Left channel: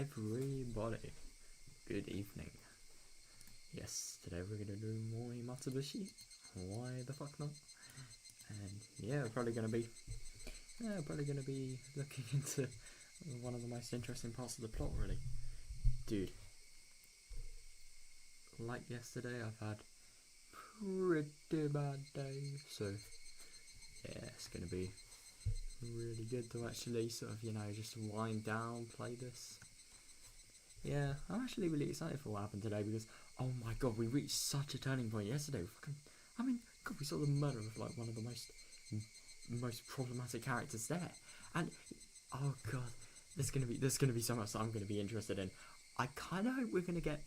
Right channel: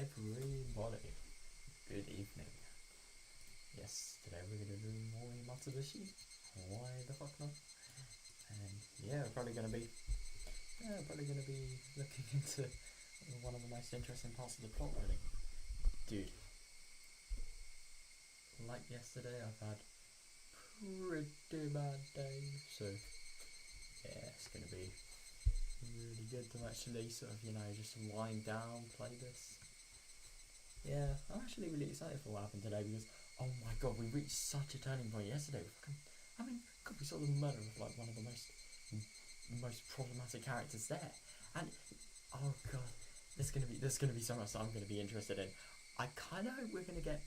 everybody, good evening. Yes, today we're gonna do more Matsubushi. Why the fuck not? And yeah, we're probably gonna be looking into one of the most interesting parts of the plot, really. Dude, like yesterday, I've had pretty bad day, so yeah, it's gonna be really good to actually sort of, you know, just wind down, play this. Yeah, I'm actually really excited for what happened today because, oh my god, we reached such a turning point yesterday. God, we saw the murder of like one of the most problematic characters there, and oh god, there's gonna be so much that I'm gonna be interested in. I kind of hope we're gonna get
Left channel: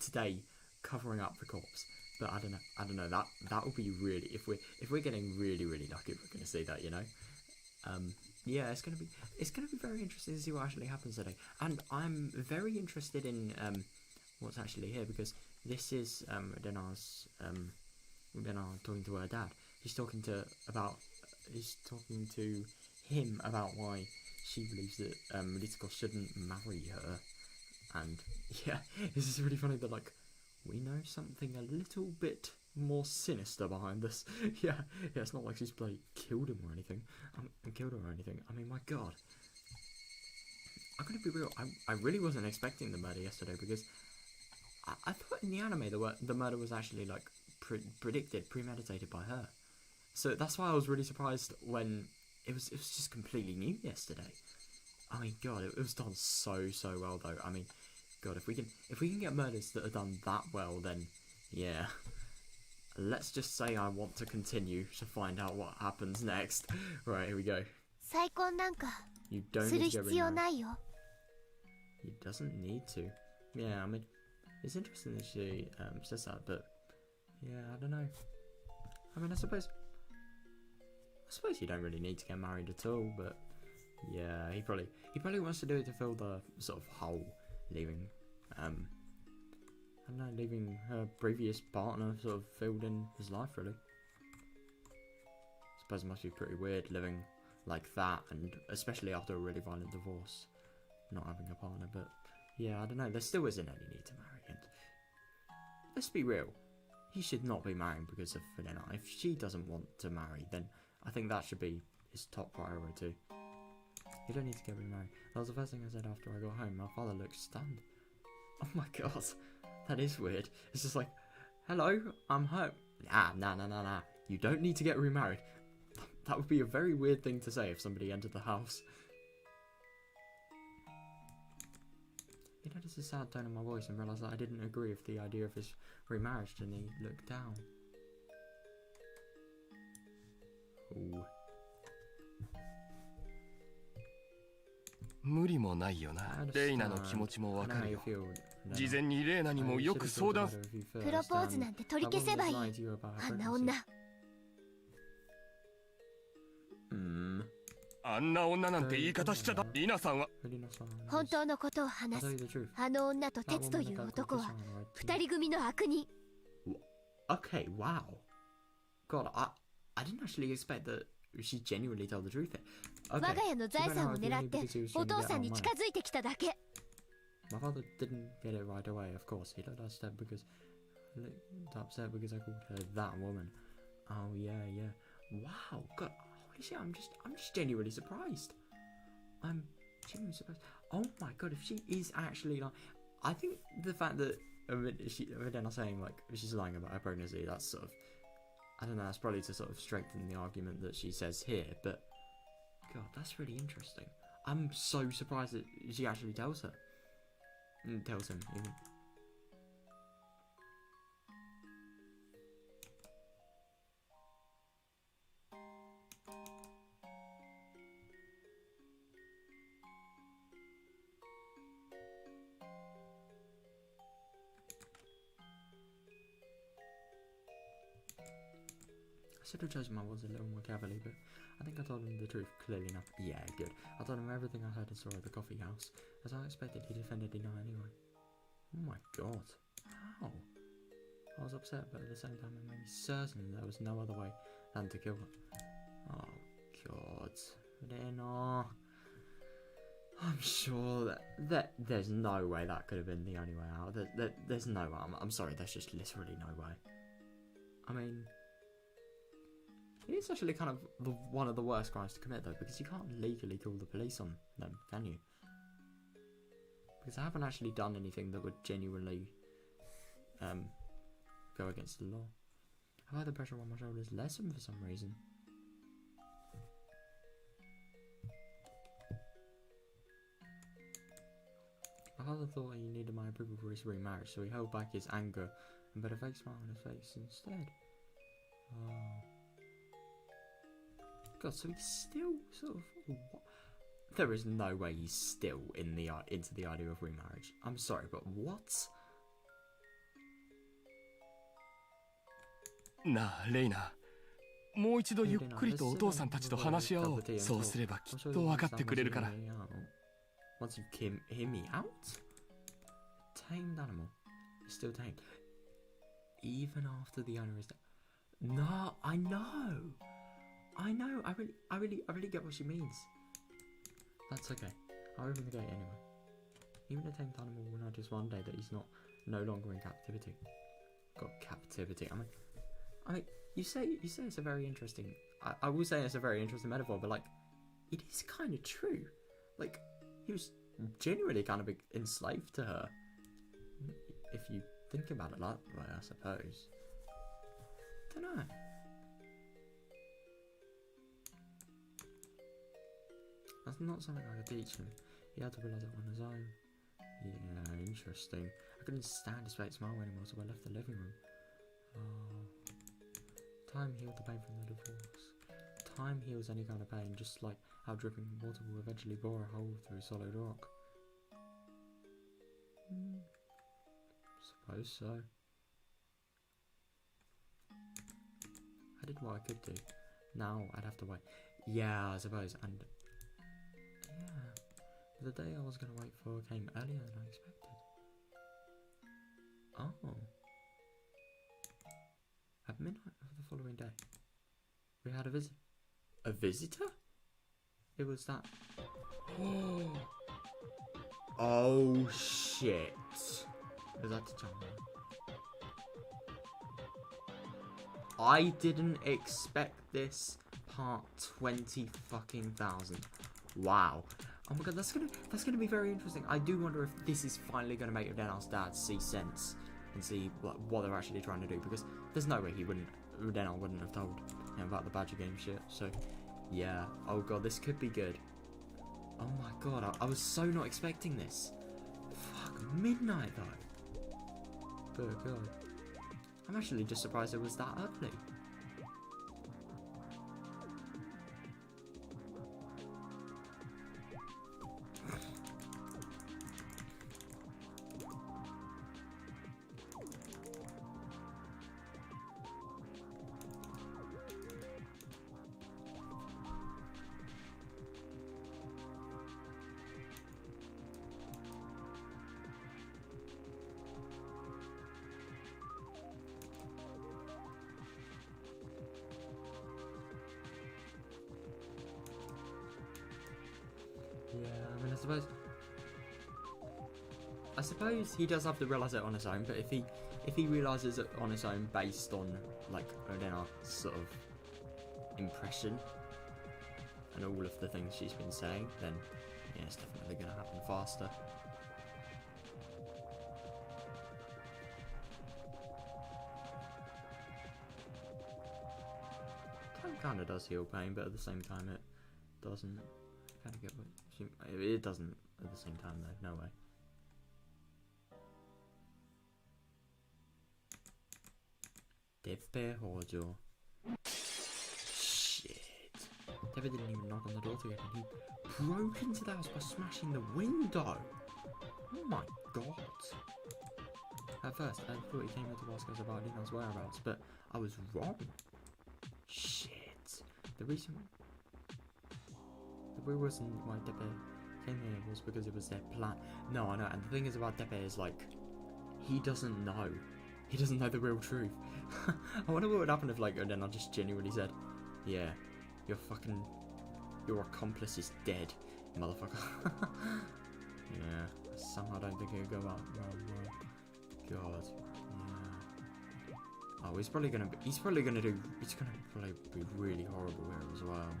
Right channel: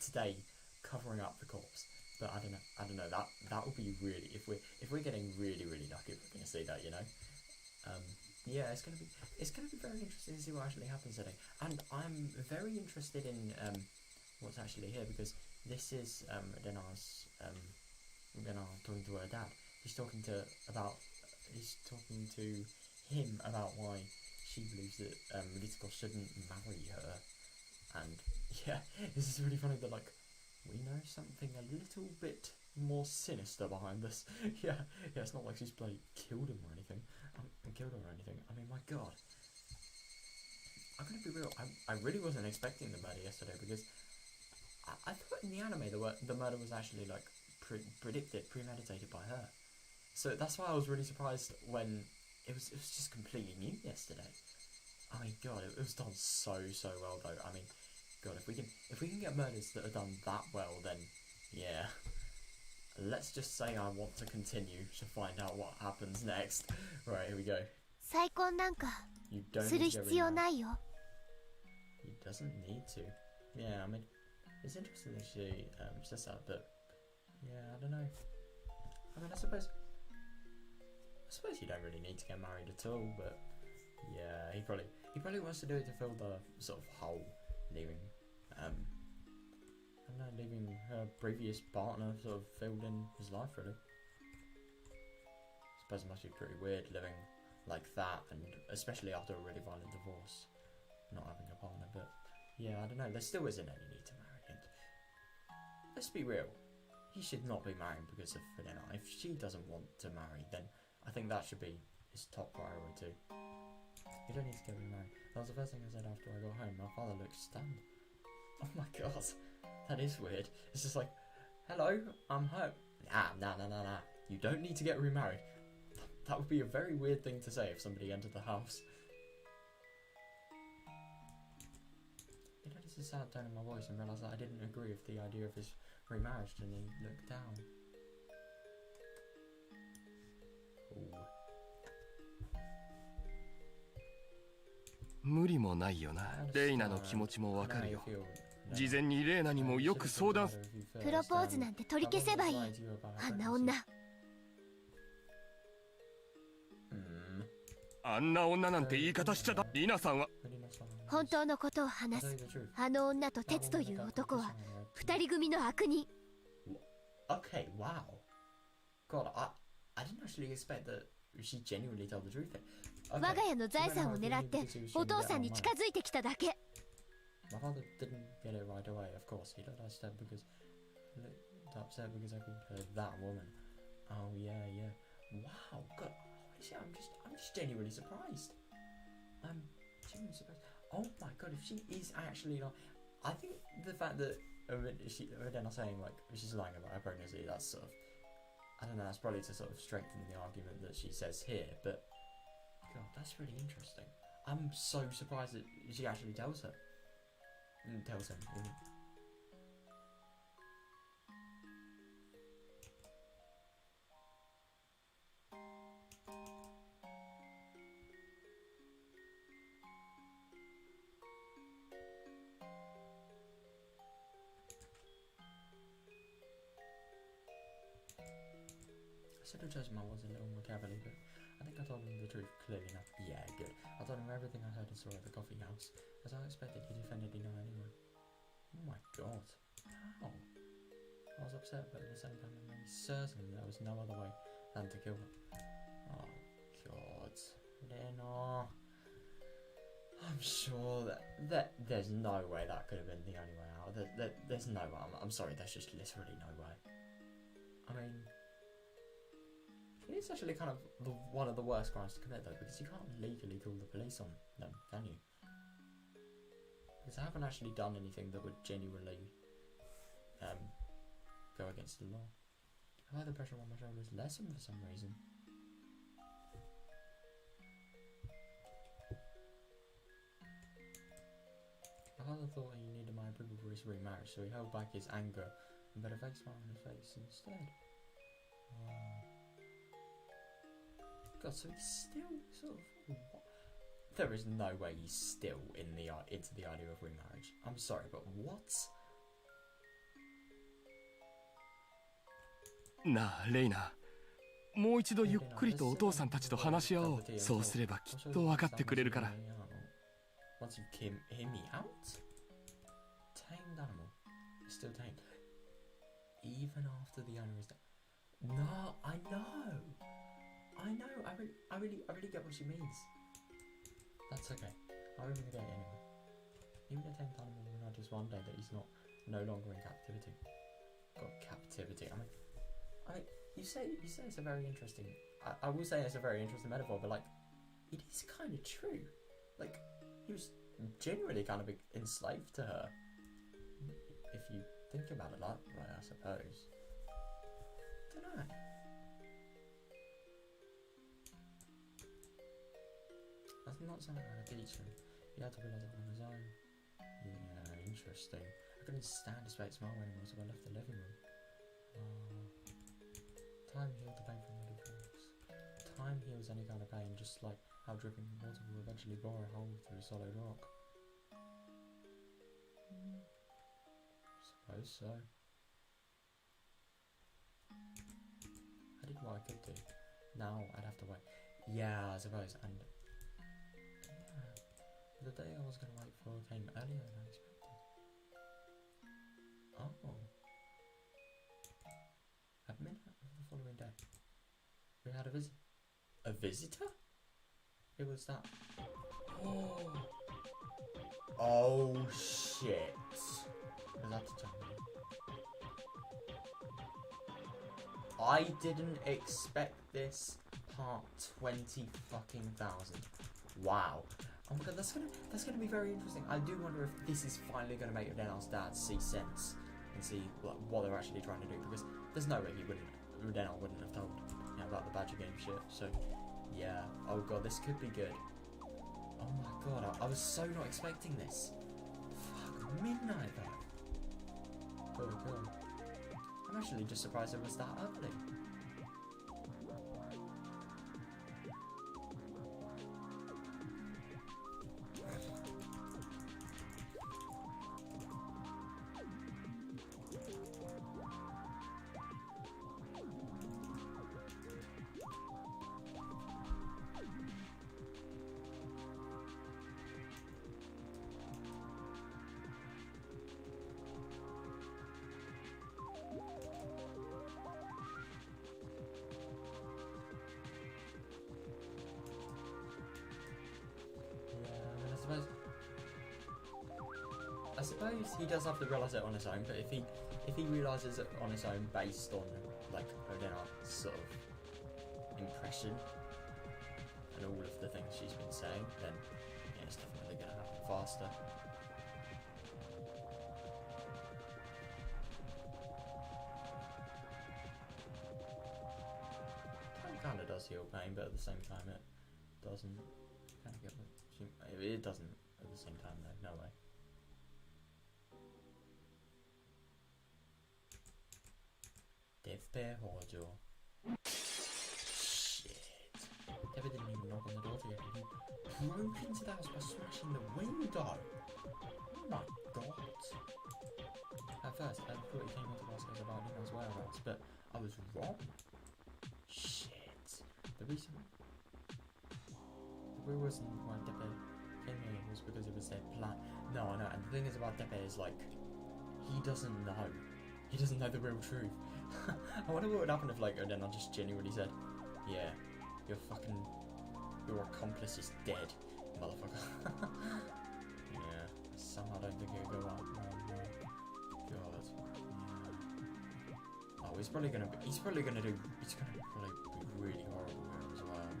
today covering up the corpse, but I don't know. That would be really, if we're getting really lucky, if we're gonna see that, you know. Yeah, it's gonna be very interesting to see what actually happens today, and I'm very interested in what's actually here, because this is Rena talking to her dad. He's talking to him about why she believes that Ritsuko shouldn't marry her, and yeah, this is really funny that like we know something a little bit more sinister behind this. yeah, it's not like she's killed him or anything. Killed her or anything. I mean, my god. I'm gonna be real. I really wasn't expecting the murder yesterday, because I thought in the anime the murder was actually like premeditated by her. So that's why I was really surprised when it was just completely new yesterday. I mean, god, it was done so well though. I mean, god, if we can get murders that are done that well, then yeah. Let's just say I want to continue to find out what happens next. Right, here we go. You don't need to get remarried. He doesn't need to. Yeah, I mean, it's interesting that she says that, but yeah, I don't know. I mean, I suppose you don't really need to get married at all, but yeah, he probably wants to do it to fill the sort of hole, leaving I don't know, leaving her previous partner sort of filled in his life, really. I suppose it must be pretty weird living like that, and especially after a really violent divorce, not having a partner. But yeah, I don't know, there still isn't any need to marry, and let's be real, he should not be marrying because of Rena. If she doesn't want to marry, then I think that should be his top priority. You don't need to get remarried. That was the first thing I said after I got home. My father looked stunned. Oh my god, that is weird. It's just like, hello, I'm home. Nah. You don't need to get remarried. That would be a very weird thing to say if somebody entered the house. He noticed a sad tone in my voice and realised that I didn't agree with the idea of his remarriage, and he looked down. Ooh. 無理もないよな。レイナの気持ちもわかるよ。事前にレイナにもよく相談。プロポーズなんて取り消せばいい。あんな女。あんな女なんて言い方しちゃだ。リナさんは本当のことを話す。あの女とテツという男は二人組の悪人。Okay, wow. God, I didn't actually expect that she genuinely told the truth. Okay. 我が家の財産を狙ってお父さんに近づいてきただけ。My father didn't get it right away, of course. He looked upset because I called her that woman. Oh yeah. Wow, God, holy shit, I'm just genuinely surprised. I'm genuinely surprised. Oh my god, if she is actually like, I think the fact that Rena saying like she's lying about her pregnancy, that's sort of, I don't know, that's probably to sort of strengthen the argument that she says here, but god, that's really interesting. I'm so surprised that she actually tells her. Tells him, even. I should have chosen my words a little more carefully, but I think I told him the truth clearly enough. Yeah, good. I told him everything I heard and saw at the coffee house. As I expected, he defended Dino anyway. Oh my god. How? I was upset, but at the same time it made me certain there was no other way than to kill her. Oh god. Rena. I'm sure that there's no way that could have been the only way out. There's no way. I'm sorry, there's just literally no way. I mean, it is actually kind of one of the worst crimes to commit, though, because you can't legally call the police on them, can you? Because I haven't actually done anything that would genuinely go against the law. I feel like the pressure on my shoulders lessened for some reason. My father thought he needed my approval for his remarriage, so he held back his anger and put a fake smile on his face instead. Oh. God, so he's still sort of... What? There is no way he's still into the idea of remarriage. I'm sorry, but what? なあ、レイナ。もう一度ゆっくりとお父さんたちと話し合おう。そうすればきっと分かってくれるから。Once you hear me out? Tamed animal is still tamed. Even after the owner is dead. No, I know. I really get what she means. That's okay. I'll open the gate anyway. Even a tamed animal will notice one day that he's no longer in captivity. God, captivity. I mean, you say it's a very interesting. I will say it's a very interesting metaphor, but like, it is kind of true. Like, he was genuinely kind of enslaved to her. If you think about it that way, I suppose. Don't know. That's not something I could teach him. He had to realise it on his own. Yeah, interesting. I couldn't stand his fake smile anymore, so I left the living room. Oh. Time healed the pain from the divorce. Time heals any kind of pain, just like how dripping water will eventually bore a hole through solid rock. Suppose so. I did what I could do. Now I'd have to wait. Yeah, I suppose. And yeah, the day I was going to wait for came earlier than I expected. Oh. At midnight of the following day, we had a visit. A visitor? It was that. Oh shit. Was that the time? I didn't expect this part 20 fucking thousand. Wow. Oh my god, that's gonna be very interesting. I do wonder if this is finally gonna make Rena's dad see sense and see what they're actually trying to do, because there's no way Rena wouldn't have told him about the Badger game shit. So yeah. Oh god, this could be good. Oh my god, I was so not expecting this. Fuck, midnight though. Good god. I'm actually just surprised it was that early. I suppose he does have to realise it on his own, but if he realises it on his own based on like Rena's sort of impression and all of the things she's been saying, then yeah, it's definitely going to happen faster. Time kind of does heal pain, but at the same time it doesn't. Kind of get what it doesn't at the same time though. No way. Tsumihoroboshi. Shit. David didn't even knock on the door to get in. He broke into the house by smashing the window. Oh my god. At first, I thought he came in to ask us about Rena's whereabouts, but I was wrong. Shit. The reason why Depe came here was because it was their plan. No, I know, and the thing is about Depe is like, he doesn't know. He doesn't know the real truth. I wonder what would happen if, like, Rena just genuinely said, yeah, your accomplice is dead, motherfucker. somehow don't think it'll go out well. God. Yeah. Oh, he's probably gonna be really horrible here as well.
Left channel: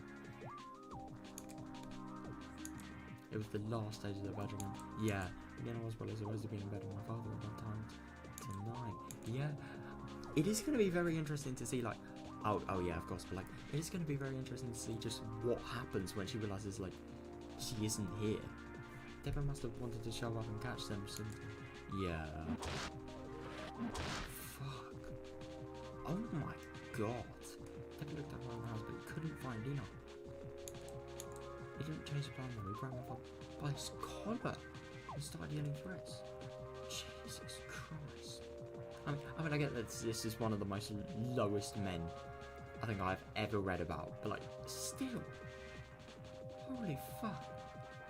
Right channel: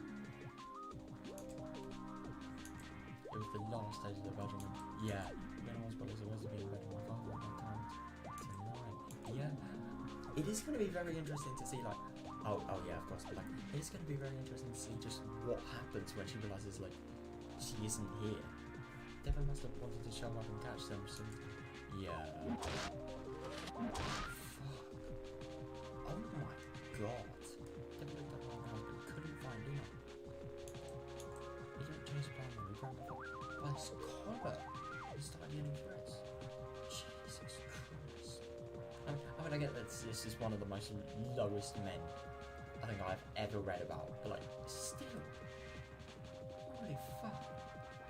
It was the last stage of the bedroom. Yeah. Then I was always been in bed with my father at one time tonight. Yeah. It is gonna be very interesting to see, like, oh yeah, of course, but like, it is gonna be very interesting to see just what happens when she realizes, like, she isn't here. Deborah must have wanted to show up and catch them, so yeah. Fuck. Oh my god. Deborah looked up around the house but couldn't find Dina. He didn't change the plan though, he grabbed my phone by his collar and started yelling threats. Jesus Christ. I mean, I get that this is one of the most lowest men I think I've ever read about, but like, still. Holy fuck.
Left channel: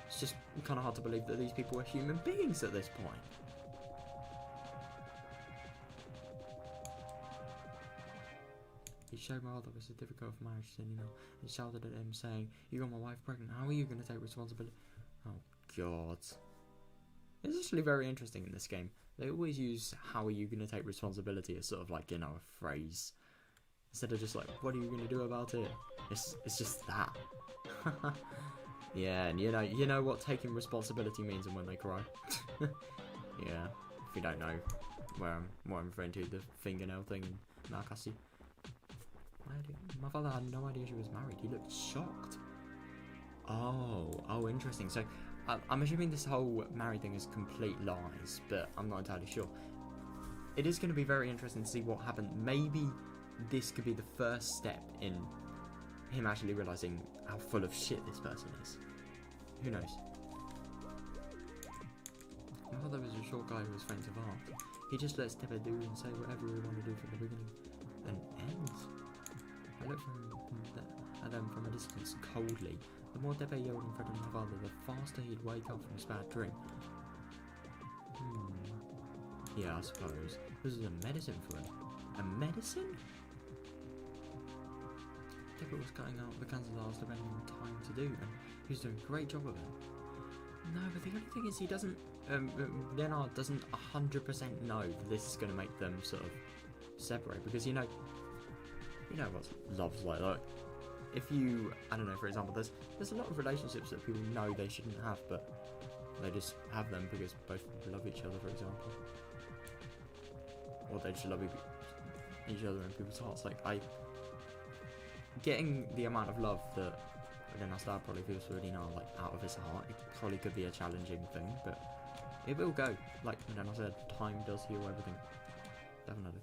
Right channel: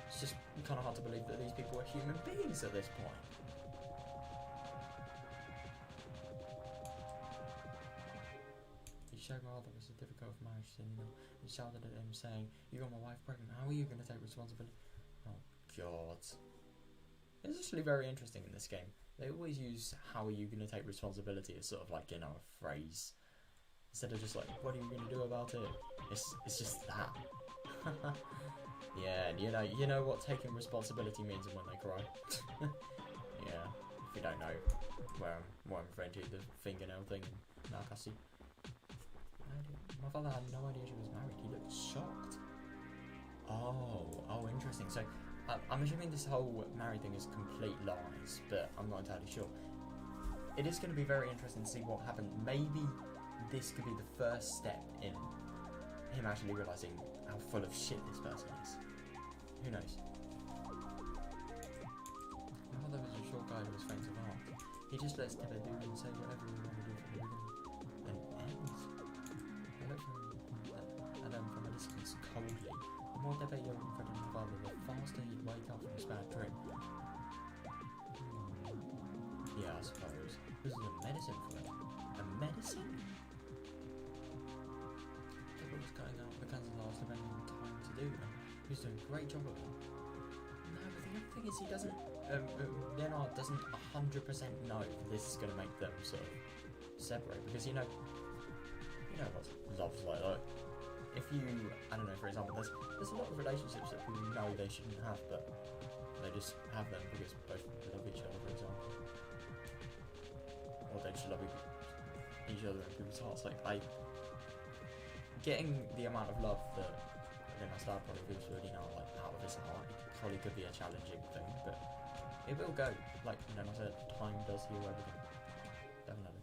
It's just kind of hard to believe that these people are human beings at this point. He showed my father a certificate of marriage to Nina and shouted at him saying, "You got my wife pregnant, how are you going to take responsibility?" Oh god. It's actually very interesting in this game. They always use "how are you going to take responsibility" as sort of like, you know, a phrase. Instead of just like, "what are you going to do about it?" It's just that. Yeah, and you know what taking responsibility means and when they cry. Yeah, if you don't know what I'm referring to, the fingernail thing in Higurashi. My father had no idea she was married. He looked shocked. Oh, interesting. So I'm assuming this whole married thing is complete lies, but I'm not entirely sure. It is going to be very interesting to see what happened. Maybe this could be the first step in him actually realizing how full of shit this person is. Who knows? My father was a short guy who was faint of heart. He just lets Deborah do and say whatever we want to do from the beginning and end. I looked at him from a distance coldly. The more Deborah yelled and threatened my father, the faster he'd wake up from his bad dream. Yeah, I suppose. This is a medicine for him. A medicine? Deborah was cutting out the cancer that I was devoting time to do, and he was doing a great job of it. No, but the other thing is he doesn't, Rena doesn't 100% know that this is going to make them sort of separate, because you know what love's like. Like, if you, I don't know, for example, there's a lot of relationships that people know they shouldn't have, but they just have them because both love each other, for example, or they just love each other in people's hearts. Like, getting the amount of love that Rena probably feels for Rena, like, out of his heart, it probably could be a challenging thing, but it will go. Like Rena said, time does heal everything. Definitely.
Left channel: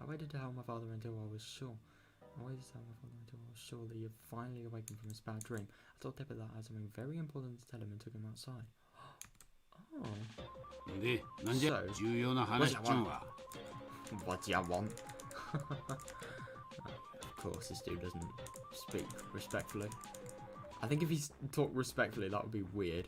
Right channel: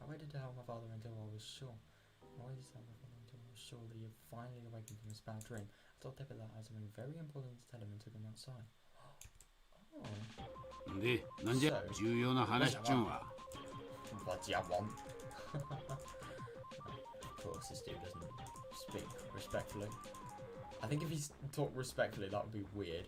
I waited to tell my father until I was sure. That he had finally awakened from his bad dream. I told Deborah that I had something very important to tell him and took him outside. Oh. De, なんじゃ、重要な話っちゅうんは。What do you want? Of course, this dude doesn't speak respectfully. I think if he talked respectfully, that would be weird.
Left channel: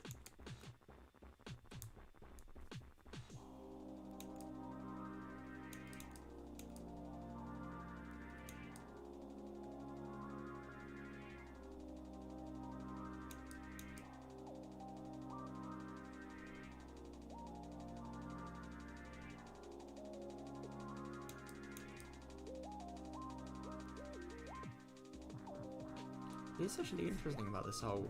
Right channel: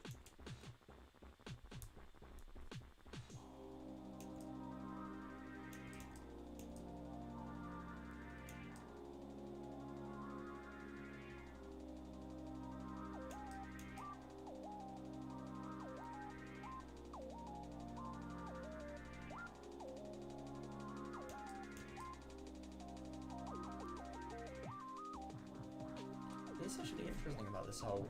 It's actually interesting about this whole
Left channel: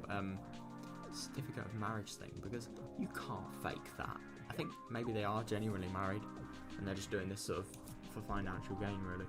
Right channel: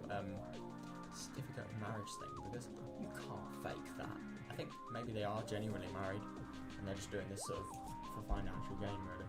certificate of marriage thing, because you can't fake that. I think maybe they are genuinely married and they're just doing this sort of for financial gain, really.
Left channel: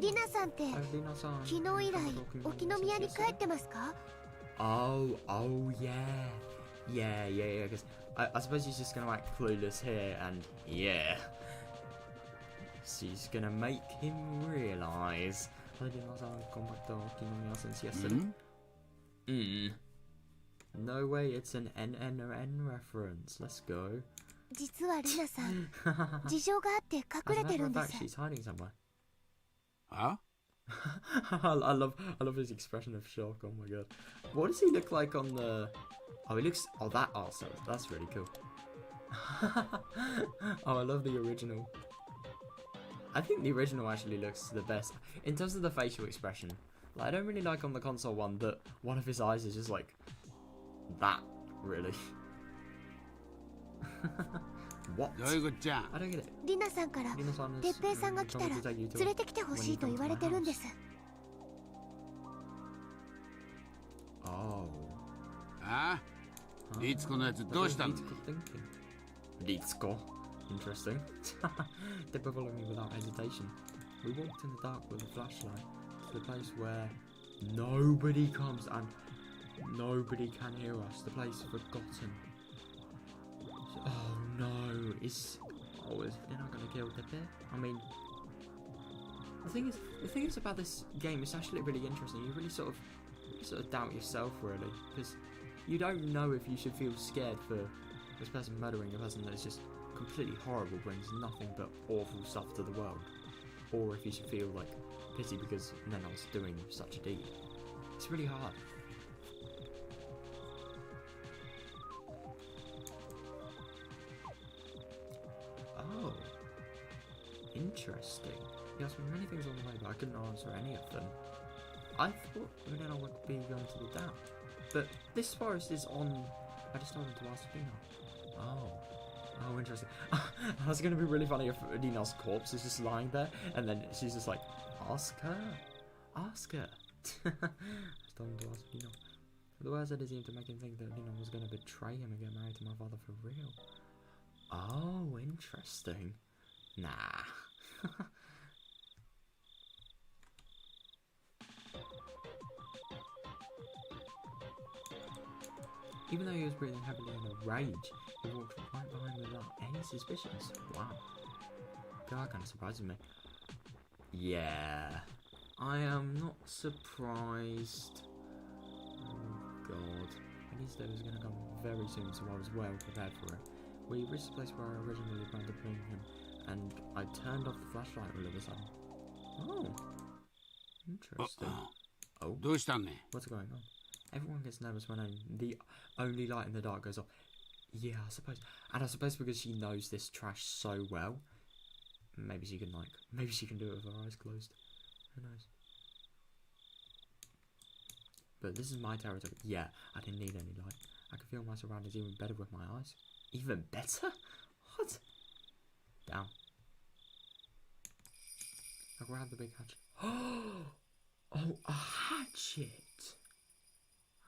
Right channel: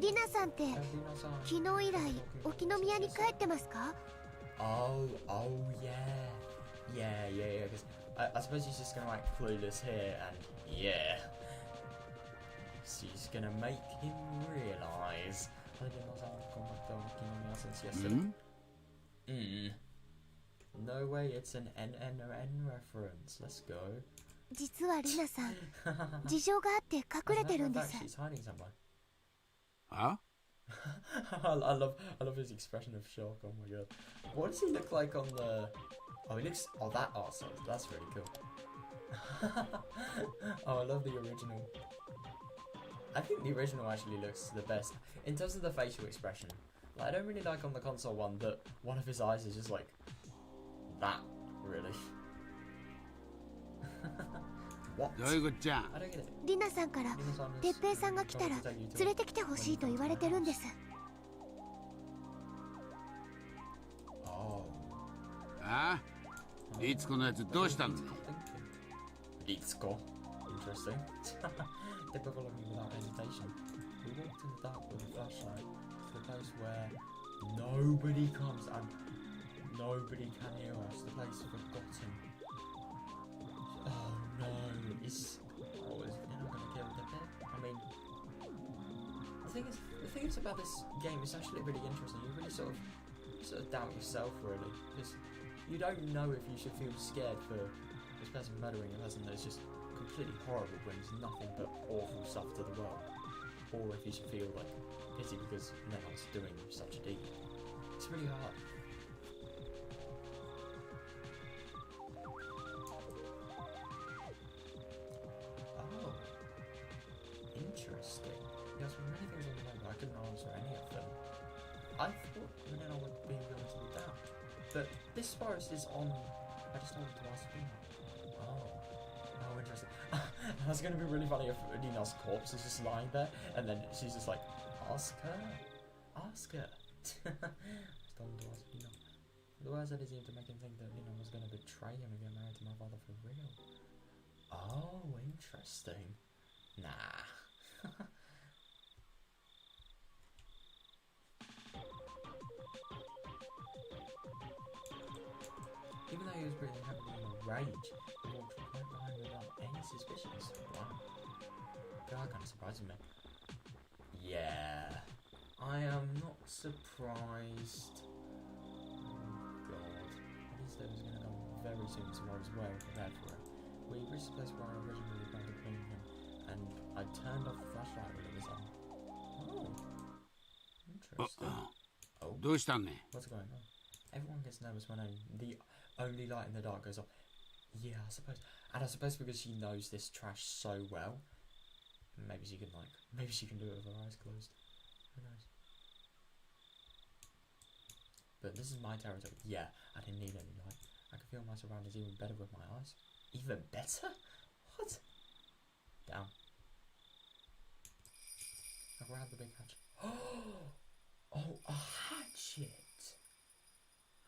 リナさんって昨日以来沖宮に帰ってますか? Oh yeah. Because I suppose she's just gonna act clueless here, and yeah, she's gonna make him realise. I gone back to Kinomiya since yesterday. No way, it's an NNN reference. Let's go. 実はルナさん、事情があって隠れてるんです。 She's hiding somewhere. Huh? I love his expression of shock. Oh my god. What does he look like on the... Oh, he looks... Oh, that art style. That's really cool. Oh, I love the original. I think the original actually looks the best. In terms of the facial expression. Like, I don't really like on the console one that one of his eyes is just like... that, really. What? I don't get it. リナさんから哲平さんが来たら連れてきてほしいと言われてるんです。 Oh. ああ、リツコのやつどうしたんだ。Interesting. Typical of me without hesitation. We walked in the dark with a flashlight to the place where nobody comes and nobody can hear us. The place forgotten. Oh no, is they're not gonna kill Pepe? I mean, the thing is about this game, it's actually really interesting. You really sort of doubt yourself, really, because you don't know if you should feel scared for this person murdering a person that's just completely horrible, brings nothing but awful stuff to the world, or if you should feel like pity because Nena's doing such a deed. It's really hard. Oh, interesting. He asked me many things on the way, but I couldn't answer any of them. I thought Rena would be going to the down, but this forest is on. I just started to ask Rena. Oh, interesting. That's going to be really funny if Nina's corpse is just lying there, and then she's just like, ask her. I started to ask Nina. The words that seemed to make him think that Nina was going to betray him and get married to my father for real. Oh, interesting. Nah. Even though he was breathing heavily in a rage, he walked right behind without any suspicions. Wow. That kind of surprises me. Yeah. I am not surprised. Oh god. At least it was going to come very soon, so I was well prepared for it. We reached the place where I originally planned to bring him, and I turned off the flashlight all of a sudden. Oh. Interesting. Oh. What's going on? Everyone gets nervous when the only light in the dark goes off. Yeah, I suppose. And I suppose because she knows this trash so well, maybe she can do it with her eyes closed. Who knows? But this is my territory. Yeah, I didn't need any light. I could feel my surroundings even better with my eyes. Even better? What? Down. I grabbed the big hatchet. Oh, a hatchet!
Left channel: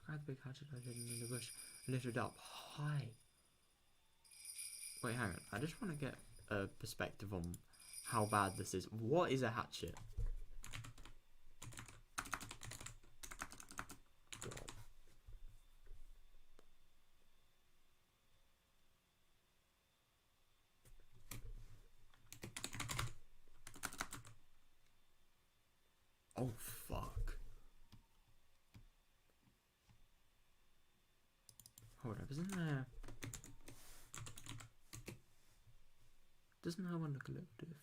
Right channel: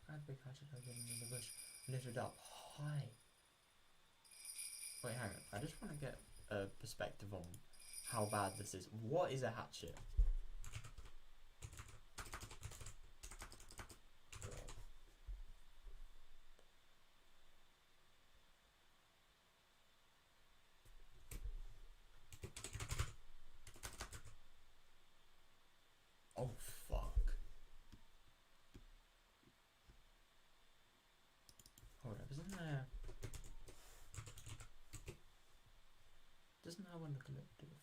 I grabbed the big hatchet I hidden in the bush, lifted up high. Wait, hang on. I just want to get a perspective on how bad this is. What is a hatchet? Oh, fuck. Hold up, isn't there... Doesn't that one look a little different?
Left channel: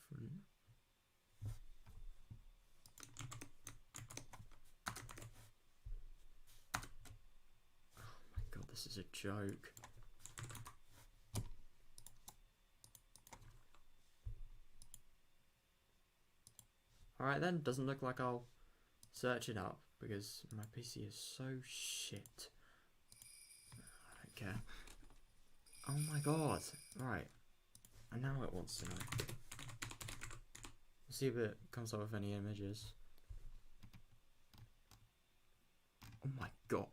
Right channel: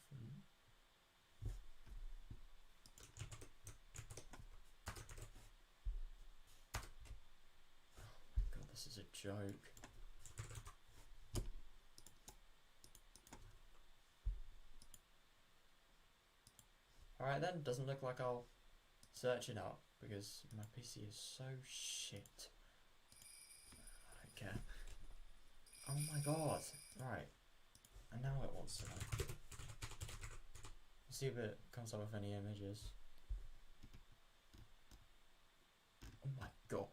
Oh my god, this is a joke. Alright then, doesn't look like I'll search it up because my PC is so shit. I don't care. Oh my god. Right. And now it wants to know. We'll see if it comes up with any images. Oh my god.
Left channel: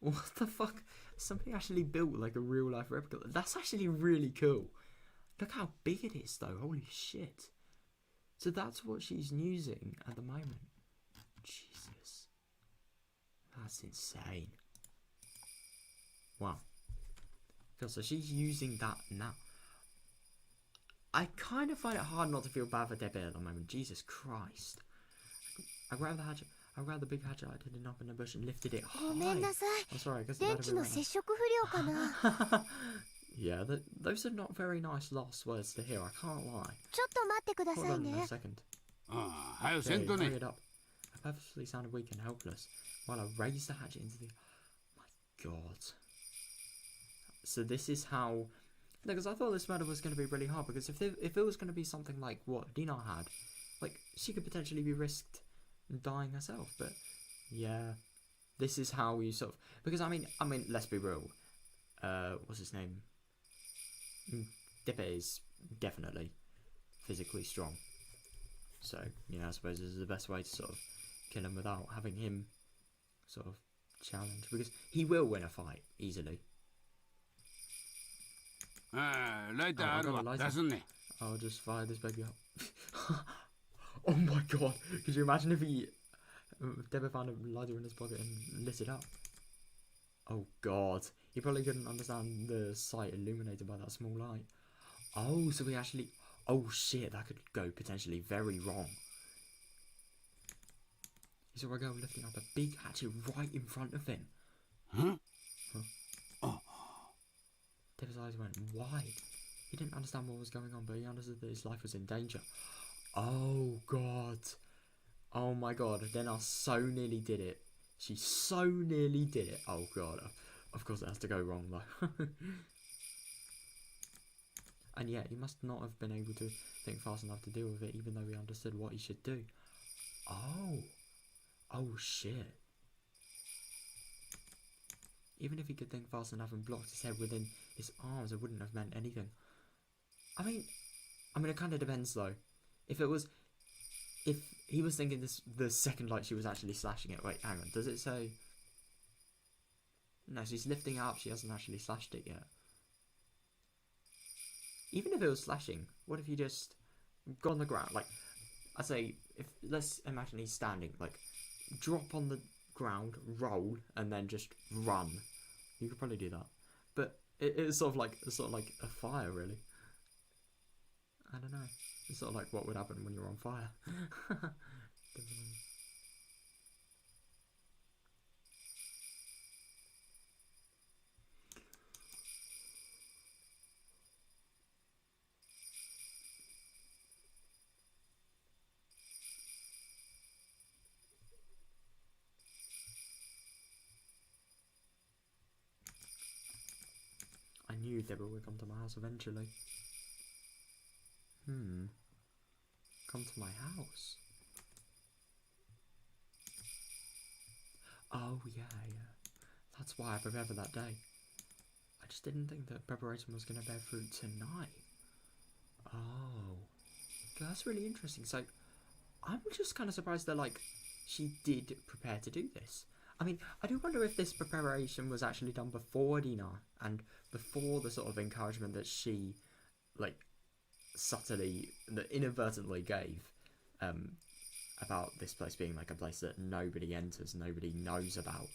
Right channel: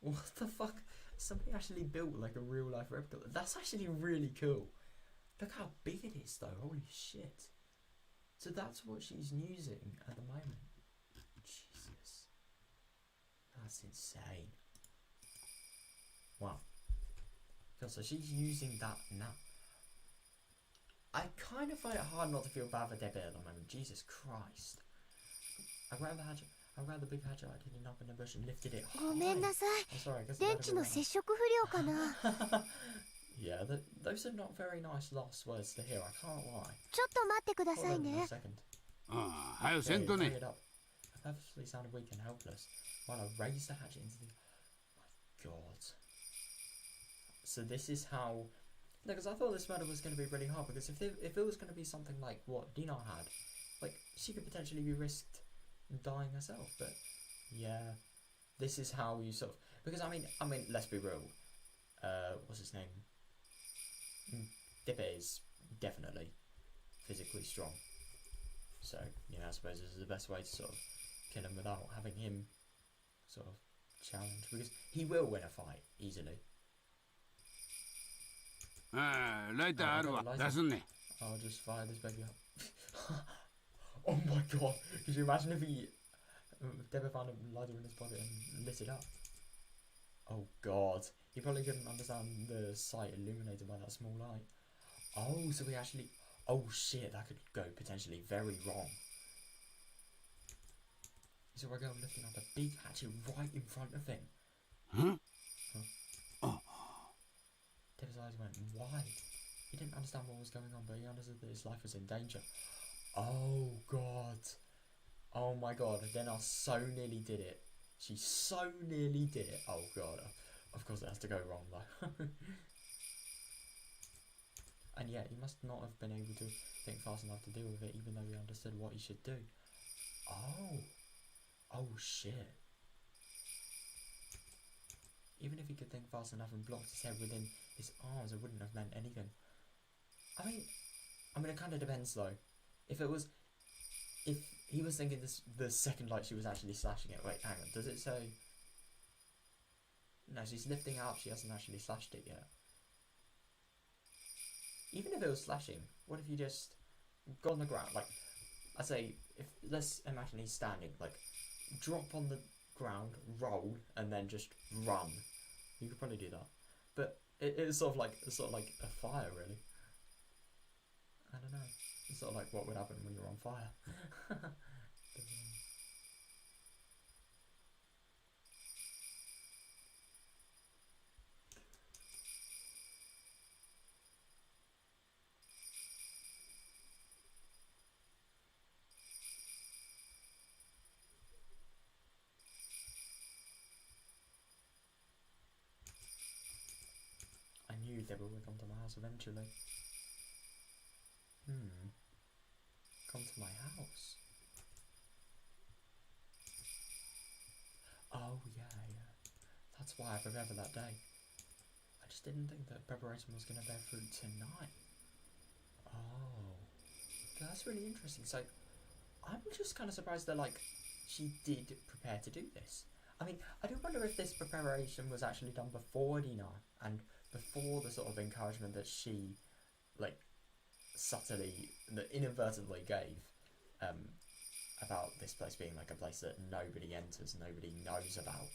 What the fuck? Somebody actually built like a real life replica. That's actually really cool. Look how big it is though. Holy shit. So that's what she's using at the moment. Jesus. That's insane. Wow. God, so she's using that now. I kind of find it hard not to feel bad for Debbie at the moment. Jesus Christ. I grabbed the big hatchet I did up in the bush and lifted it high. ごめんなさい。 I'm sorry, I guess 電池の接触不良かな。 Yeah, those are not very nice last words to hear, I can't lie. ちょっと待ってくだ Hold さい on a ね。 second. ああ、はよせ Okay, んと bring ね。 it up. I purposefully sounded weak and helpless while I raised the hatchet into the... My god. So this is how... Because I thought this matter was going to be really hard, because if it was going to be something like what Dina had, like, she could potentially be risked dying herself, but yeah, this is how you sort of... Because, I mean, let's be real. What's his name? Depe is definitely physically strong. So, you know, I suppose this is the best way to sort of kill him without having him sort of challenge, because he will win a fight easily. ああ、ライターあるわ。出すんね。 I'll just fire this baby up. Oh my god, could you imagine if Deborah found a lighter in his pocket and lit it up? Oh god, he probably couldn't understand the sight illuminated by that small light. Oh, so he actually... Oh shit, that could go potentially very wrong. He saw a girl lifting up a big hatchet right in front of him. Huh? Oh. Deborah's eyes went wide. He didn't understand what was going on, but he understood that his life was in danger. Oh god. Oh my god, Rena so nearly did it. She so nearly did it. Oh god. Of course it has to go wrong though. And yet he must not have been able to think fast enough to deal with it, even though he understood what he should do. Oh. Oh shit. Even if he could think fast enough and blocked his head within his arms, it wouldn't have meant anything. I mean it kind of depends though. If he was thinking this the second like she was actually slashing it. Wait, hang on. Does it say? No, she's lifting it up. She hasn't actually slashed it yet. Even if it was slashing, what if you just go on the ground? Like, I say, let's imagine he's standing. Like, drop on the ground, roll, and then just run. You could probably do that. But it's sort of like a fire, really. I don't know. It's sort of like what would happen when you're on fire. I knew Deborah would come to my house eventually. Come to my house? Oh, yeah. That's why I prepared for that day. I just didn't think that preparation was going to bear fruit tonight. Oh. That's really interesting. So, I'm just kind of surprised that, like, she did prepare to do this. I mean, I do wonder if this preparation was actually done before Rena and before the sort of encouragement that she, like, subtly, that inadvertently gave about this place being like a place that nobody enters, nobody knows about.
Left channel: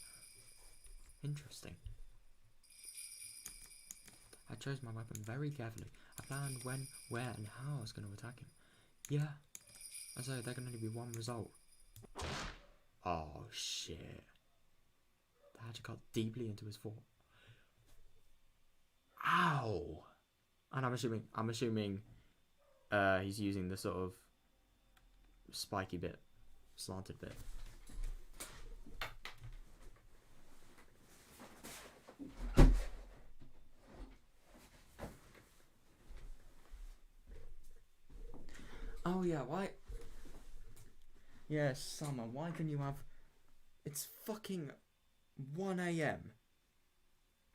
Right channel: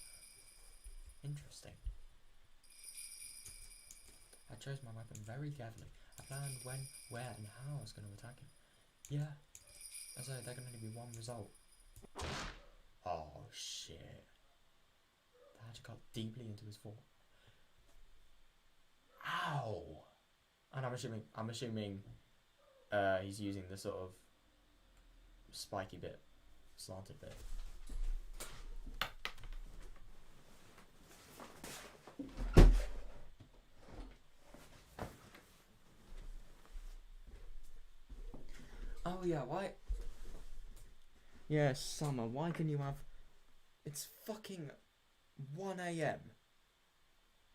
Interesting. I chose my weapon very carefully. I planned when, where, and how I was going to attack him. Yeah. And so there can only be one result. Oh shit. The hatchet cut deeply into his foot. Ow! And I'm assuming he's using the sort of spiky bit, slanted bit. Oh yeah, why? Yeah, Summer, why can you have... It's fucking 1 AM.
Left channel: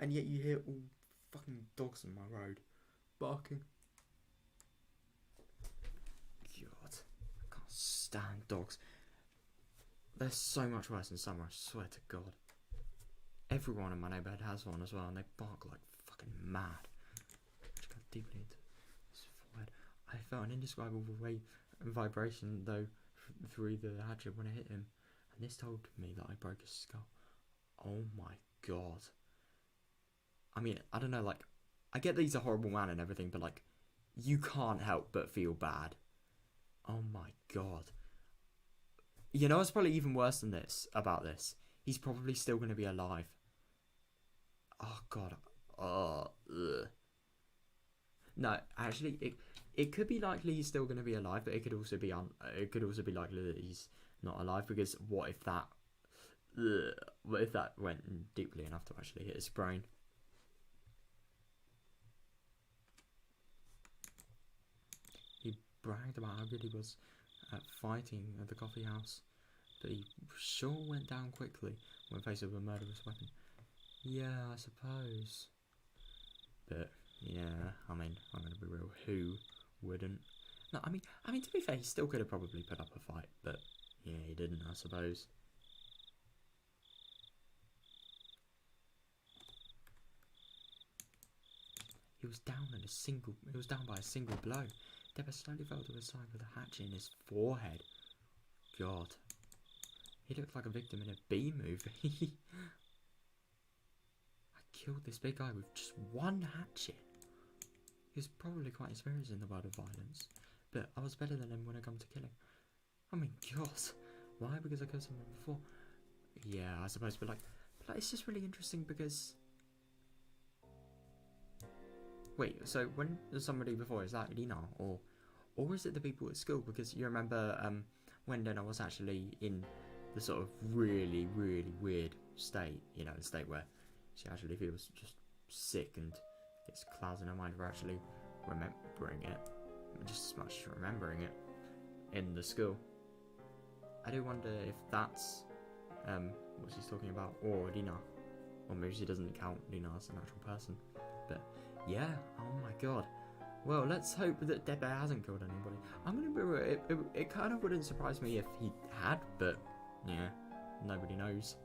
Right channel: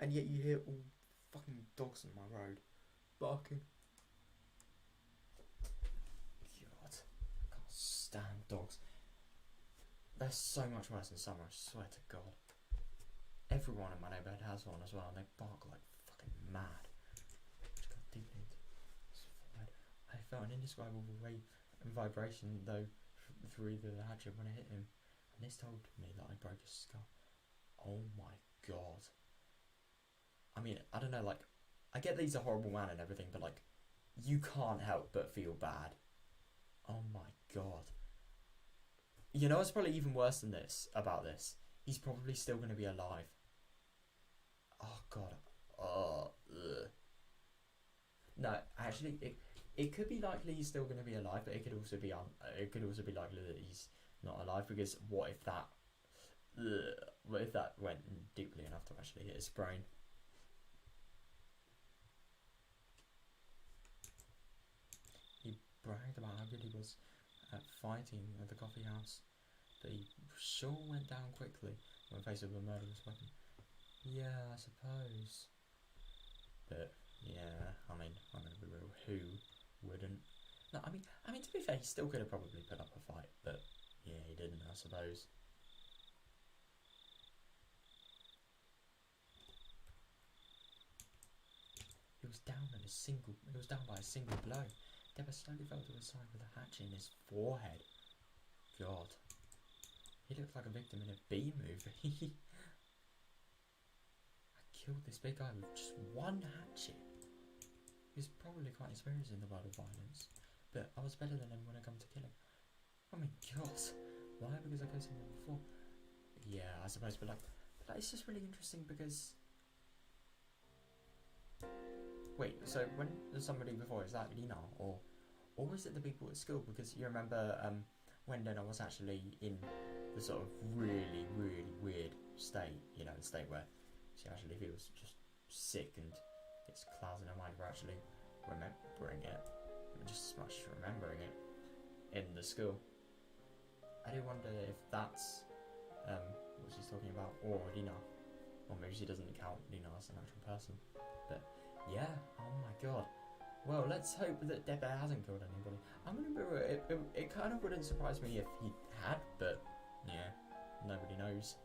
And yet you hear all fucking dogs on my road barking. God, I can't stand dogs. They're so much worse in summer, I swear to God. Everyone in my neighbourhood has one as well, and they bark like fucking mad. Which got deeply into his forehead. I felt an indescribable vibration though through the hatchet when it hit him, and this told me that I broke his skull. Oh my God. I mean, I don't know, like, I get that he's a horrible man and everything, but like, you can't help but feel bad. Oh my god. You know what's probably even worse than this about this? He's probably still going to be alive. Oh god. Oh, ugh. No, actually, it could be likely he's still going to be alive, but it could also be likely that he's not alive, because what if that went deeply enough to actually hit his brain? He bragged about how good he was at fighting at the coffee house, but he sure went down quickly when faced with a murderous weapon. Yeah, I suppose. But yeah, I mean, I'm gonna be real. Who wouldn't? No, I mean, to be fair, he still could have probably put up a fight, but yeah, he didn't, I suppose. He was down by a single blow. Deba slowly fell to his side with a hatchet in his forehead. God, he looked like a victim in a B movie. I killed this big guy with just one hatchet. He was probably quite experienced in the world of violence, but I was better than him when it come to killing. I mean, God, why? Because I killed someone before. Yeah, I suppose, but it's just really interesting because. Wait, so when there's somebody before, is that Rena or is it the people at school? Because you remember when Rena was actually in the sort of really, really weird state, you know, the state where she actually feels just sick and gets clouds in her mind for actually remembering it, just as much as remembering it in the school. I do wonder if that's what she's talking about, or Rena, or maybe she doesn't count Rena as an actual person, but. Yeah, oh my god. Well, let's hope that Debe hasn't killed anybody. I'm gonna be real, it kind of wouldn't surprise me if he had, but yeah, nobody knows.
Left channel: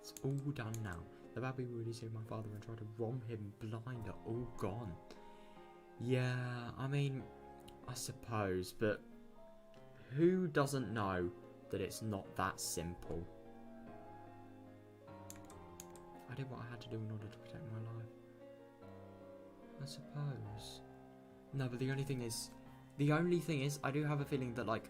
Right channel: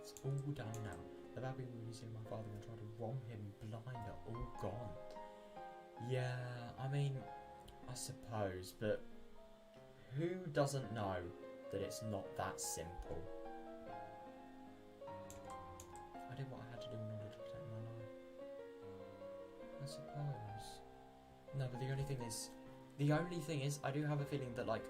It's all done now. The Babby Woody saved my father and tried to wrong him blind are all gone. Yeah, I mean, I suppose, but who doesn't know that it's not that simple? I did what I had to do in order to protect my life. I suppose. No, but the only thing is, I do have a feeling that, like,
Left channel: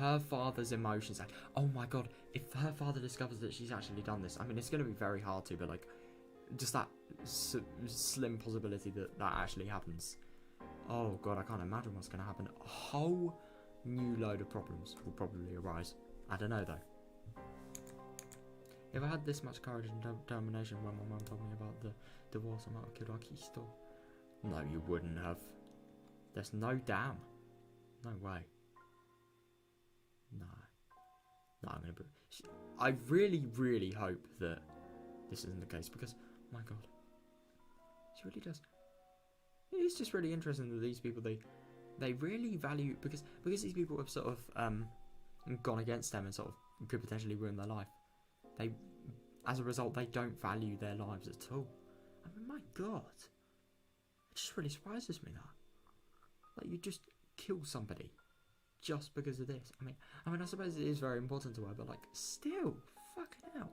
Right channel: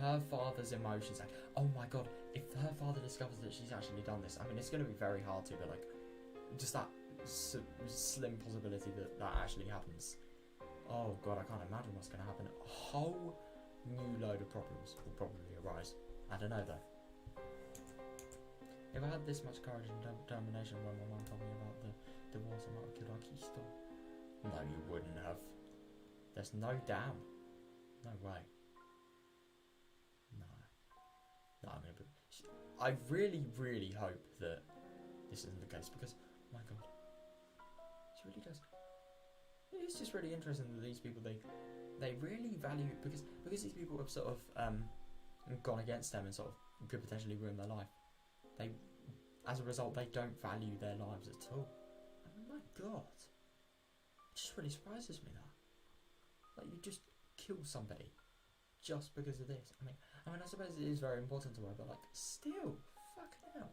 her father's emotions, like, oh my god, if her father discovers that she's actually done this, I mean, it's going to be very hard to, but, like, just that slim possibility that that actually happens. Oh god, I can't imagine what's going to happen. A whole new load of problems will probably arise. I don't know, though. If I had this much courage and determination when my mum told me about the divorce, I might have killed Akisto. No, you wouldn't have. There's no damn. No way. No. No, I'm gonna. I really, really hope that this isn't the case because, oh my god, she really does. It's just really interesting that these people they really value because these people have sort of gone against them and sort of could potentially ruin their life. As a result, they don't value their lives at all. I mean, my god, it just really surprises me that, like, you just kill somebody just because of this. I mean, I suppose it is very important to her, but like, still, fucking hell.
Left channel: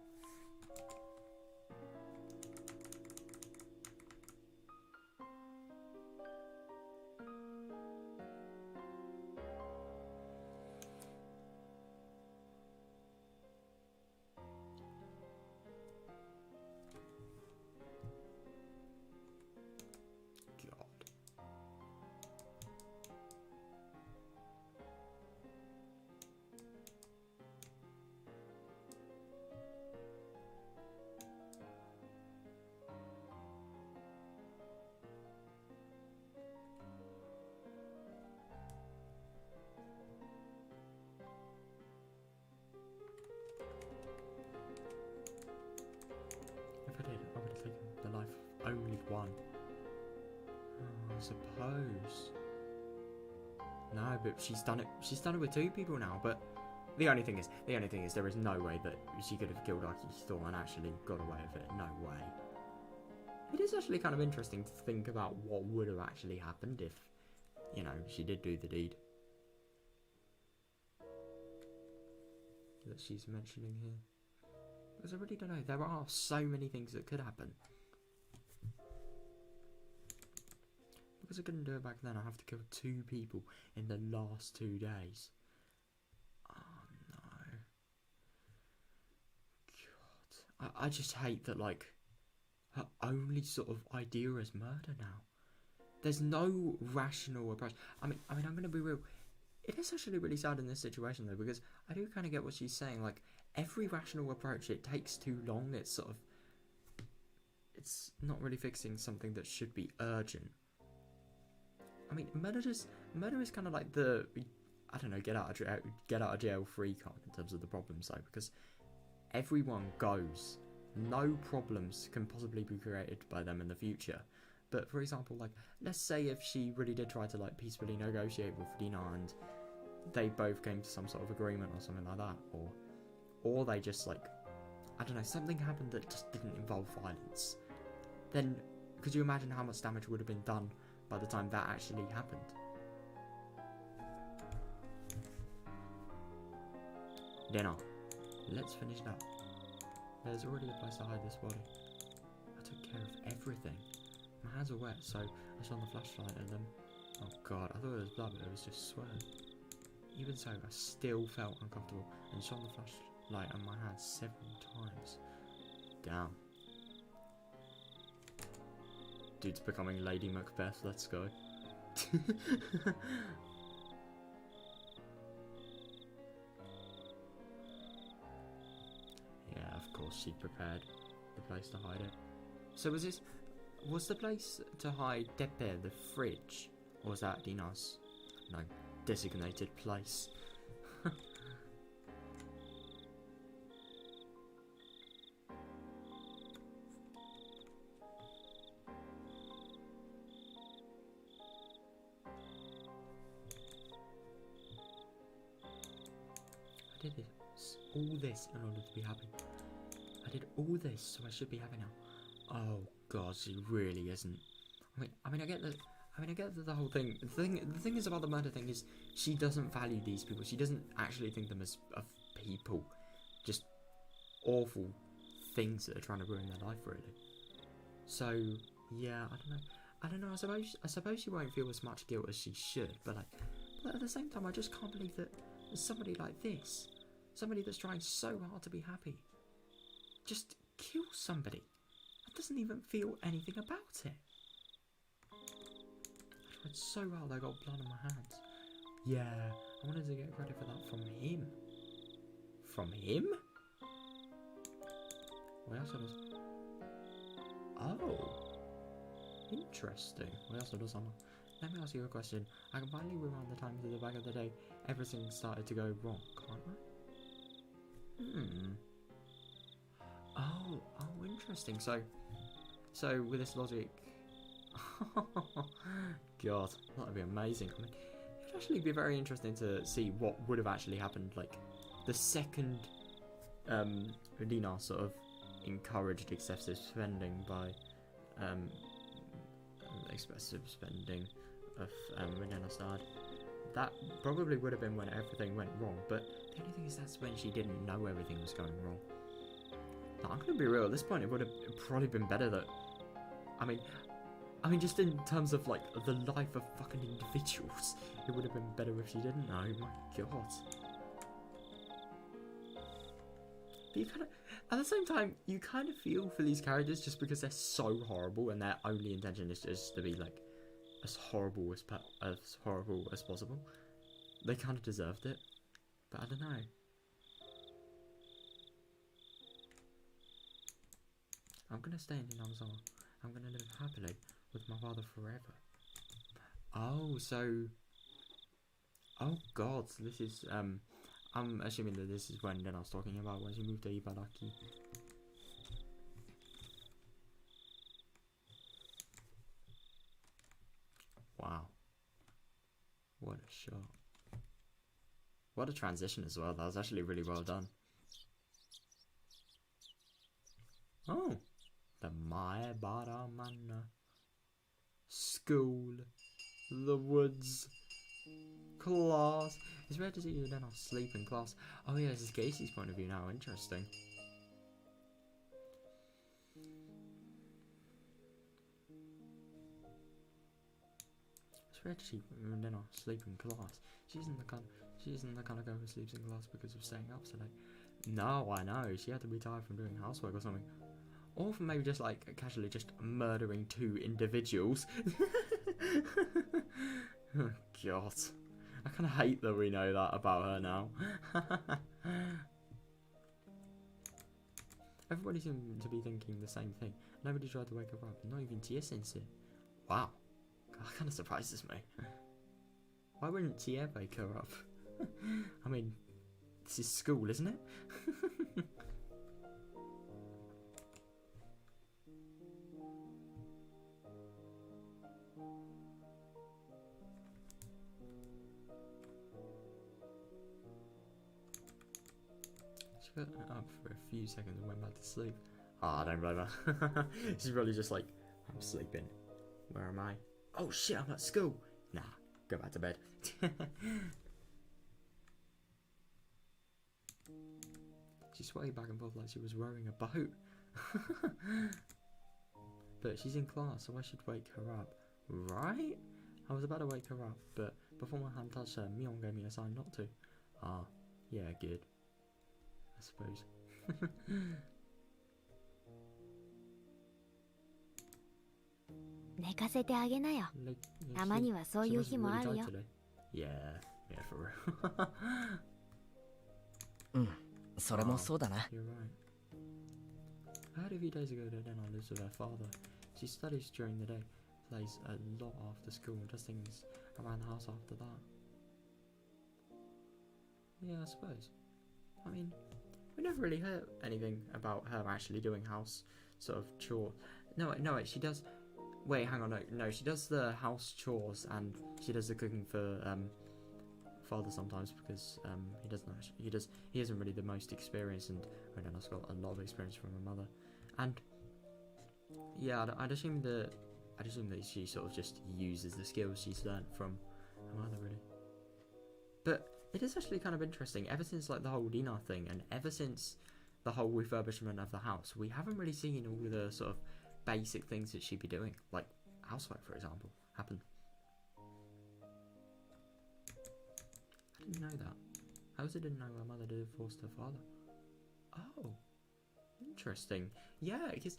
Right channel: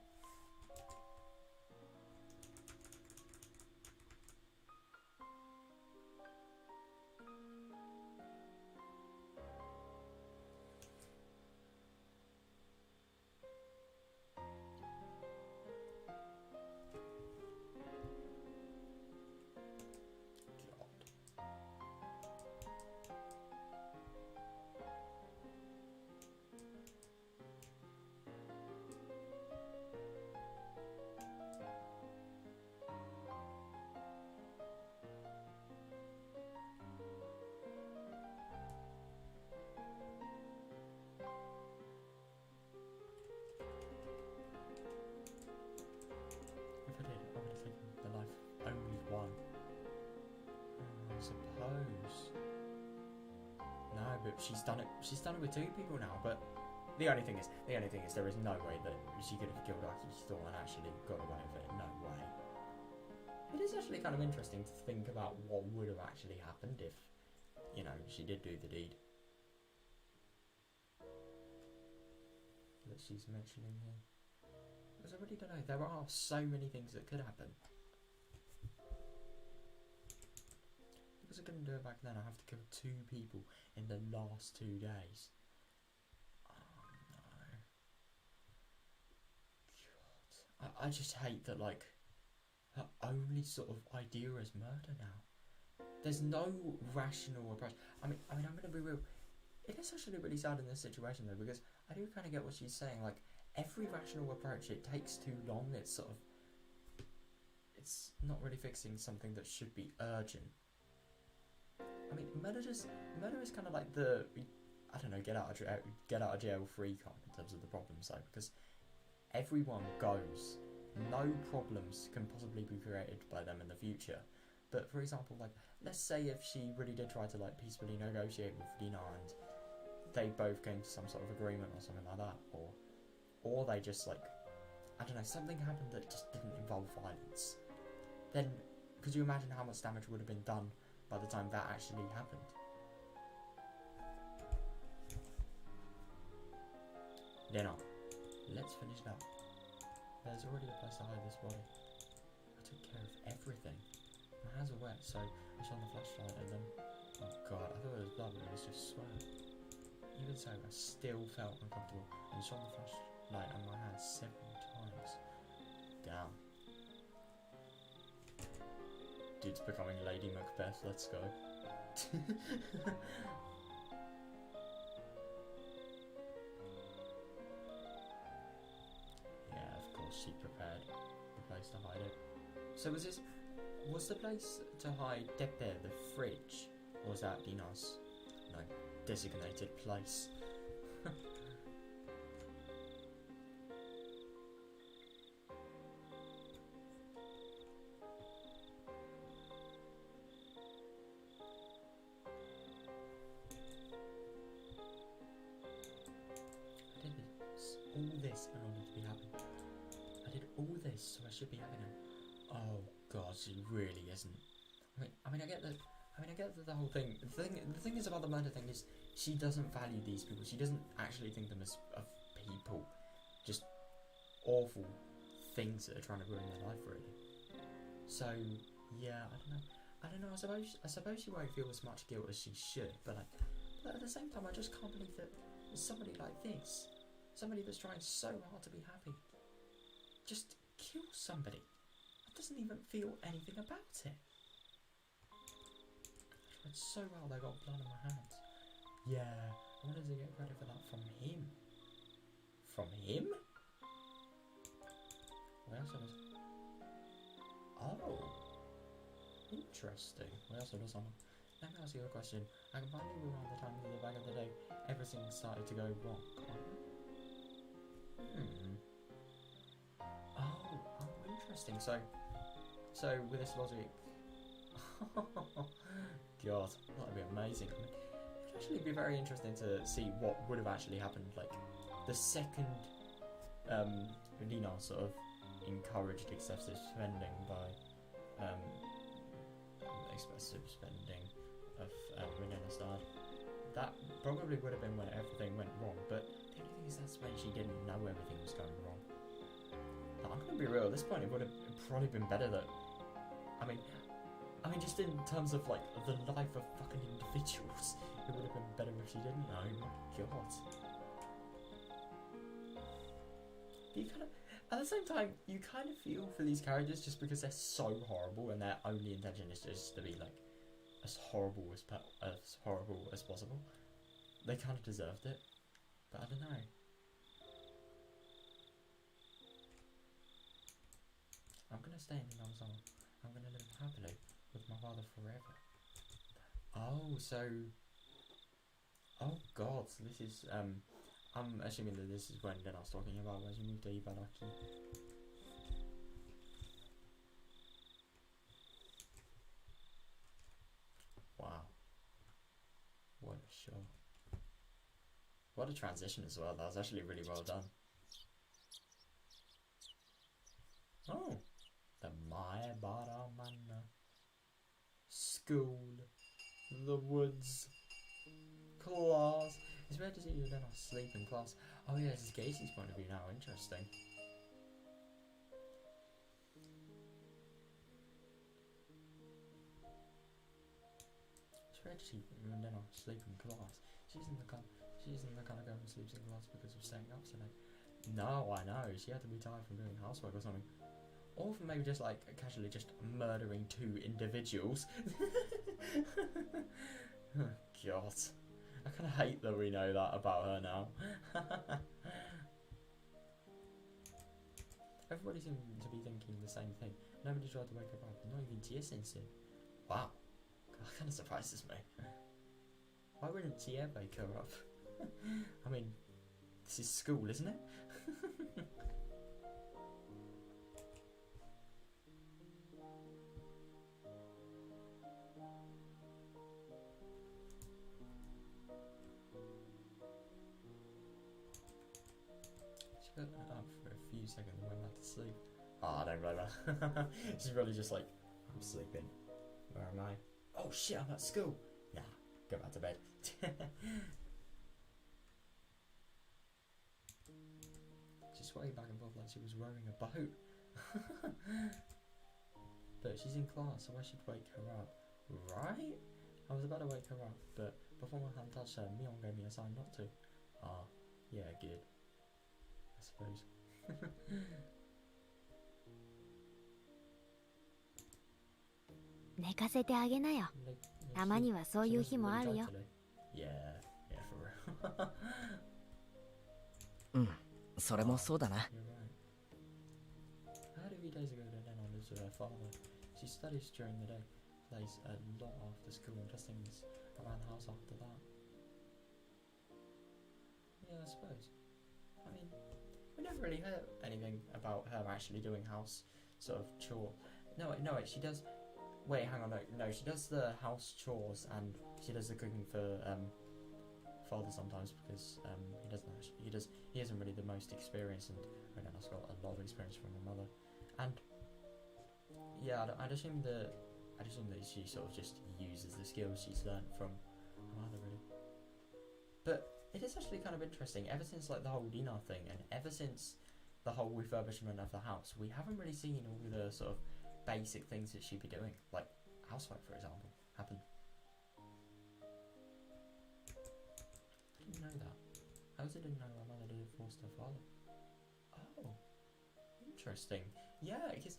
Only one. Oh, I suppose. No, but she's done it. She's done it with two people now. But the only thing is, there is no way that she could have killed Akisto and actually got away with it. No way. It is actually kind of interesting to think about what would have actually happened if, you know, she did do the deed that she's mentioning here. Because I really don't know. There are so many things that could happen. Because I couldn't do it back then, I have to kill 2 people in the last 2 days. Oh no. God. I just hate that, like, her only sort of idea is murder now. There's no rational approach. I mean, I'm going to be real. It is actually really sad in this situation, though, because I do kind of get what she's saying. Like, every rational approach, it takes too long. It's sort of... It's not really fixing something that should be urgent. I mean, murder is kind of like the... I don't know, get out of jail free card in terms of the problems, though, because everyone goes. No problems can possibly be created by them in the future. But, for example, like, let's say if she really did try to, like, peacefully negotiate with Rena and they both came to some sort of agreement or something like that, or they just, like, I don't know, something happened that just didn't involve violence, then could you imagine how much damage would have been done by the time that actually happened? Rena, let's finish that. There's already a place to hide this body. I took care of everything. My hands were wet, so I shone the flashlight at them. Oh god, I thought it was blood, but it was just sweat. Even so, I still felt uncomfortable and shone the flashlight on my hands several times. Damn. Dude's becoming Lady Macbeth, let's go. Yeah, of course she prepared the place to hide it. So was the place to hide Tepe the fridge? Or was that Rena's, no, designated place? I did all this in order to be happy. I did all this so I should be happy now. Oh god, she really isn't. I mean, I get that. I mean, I get that the whole thing. The thing is about the murder thing is she doesn't value these people. She doesn't actually think them as people, just awful things that are trying to ruin their life, really. So yeah, I don't know. I suppose she won't feel as much guilt as she should, but at the same time, I just can't believe that somebody like this, somebody that's trying so hard to be happy, just kill somebody. That doesn't even feel anything about it. I tried so hard, I got blood on my hands. Yeah, I wanted to get credit for that from him. From him? What else does? Oh, interesting. What else does someone? Let me ask you a question. I can finally rewind the time to the back of the day everything started to go wrong, can't I? Oh, interesting. So with this logic, God, that would be amazing. I mean, it would actually be very interesting to see what would have actually happened. Like the second Rena sort of encouraged excessive spending by excessive spending of Rena started. That probably would have been when everything went wrong, but the only thing is that's when she didn't know everything was going wrong. Now, I'm gonna be real, at this point it would have probably been better that, I mean just in terms of like the life of fucking individuals, it would have been better if she didn't know, my god. But you kind of, at the same time, you kind of feel for these characters just because they're so horrible and their only intention is just to be like as horrible as possible. They kind of deserved it, but I don't know. I'm gonna stay in Inazuma. I'm gonna live happily with my father forever. Oh, so, oh god, so this is I'm assuming that this is when I was talking about when she moved to Ibaraki. Wow. What a shot. What a transition as well. That was actually really well done. Oh. The Maebaramana. School. The woods. Class. It's rare to see you then I'll sleep in class. Oh yeah, this is Casey's point of view now. Interesting. bed and then I sleep in class. She isn't the kind of girl who sleeps in class because of staying up so late. No, I know. She had to be tired from doing housework or something. Or from maybe just like casually just murdering 2 individuals. Oh, God. I kind of hate that we know that about her now. Everybody seemed to be thinking the same thing. Nobody tried to wake her up, not even Tia-sensei. Wow. That kind of surprises me. Why wouldn't Tia wake her up? I mean, this is school, isn't it? She got up for a few seconds and went back to sleep. Ah, don't blame her. She's probably just like, I'm sleeping. Where am I? Oh shit, I'm at school. Nah, go back to bed. She swayed back and forth like she was rowing a boat. But she's in class, so I should wake her up. Right? I was about to wake her up, but before my hand touched her, Mion gave me a sign not to. Ah, yeah, good. I suppose. 寝かせてあげなよ。たまにはそういう日もあるよ。Yeah, yeah, for real. うん、それもそうだな。 You're right. I heard a few days ago that Rena lives with her father. She studies during the day, plays a lot after school, and does things around the house after that. Yeah, I suppose. I mean, we never really heard anything about her actually doing house sort of chore. No, wait, she does. Wait, hang on, no, she does the house chores and she does the cooking for father sometimes because he isn't really the most experienced, and Rena's got a lot of experience from her mother, and yeah, I'd assume that she sort of just uses the skills she's learned from her mother, really. But it is actually kind of interesting. Ever since like the whole Rena thing, and ever since the whole refurbishment of the house, we haven't really seen all the sort of basic things that she'd be doing, like housework, for example, happen. I didn't know that. I also didn't know her mother divorced her father. Oh, interesting. Yeah, because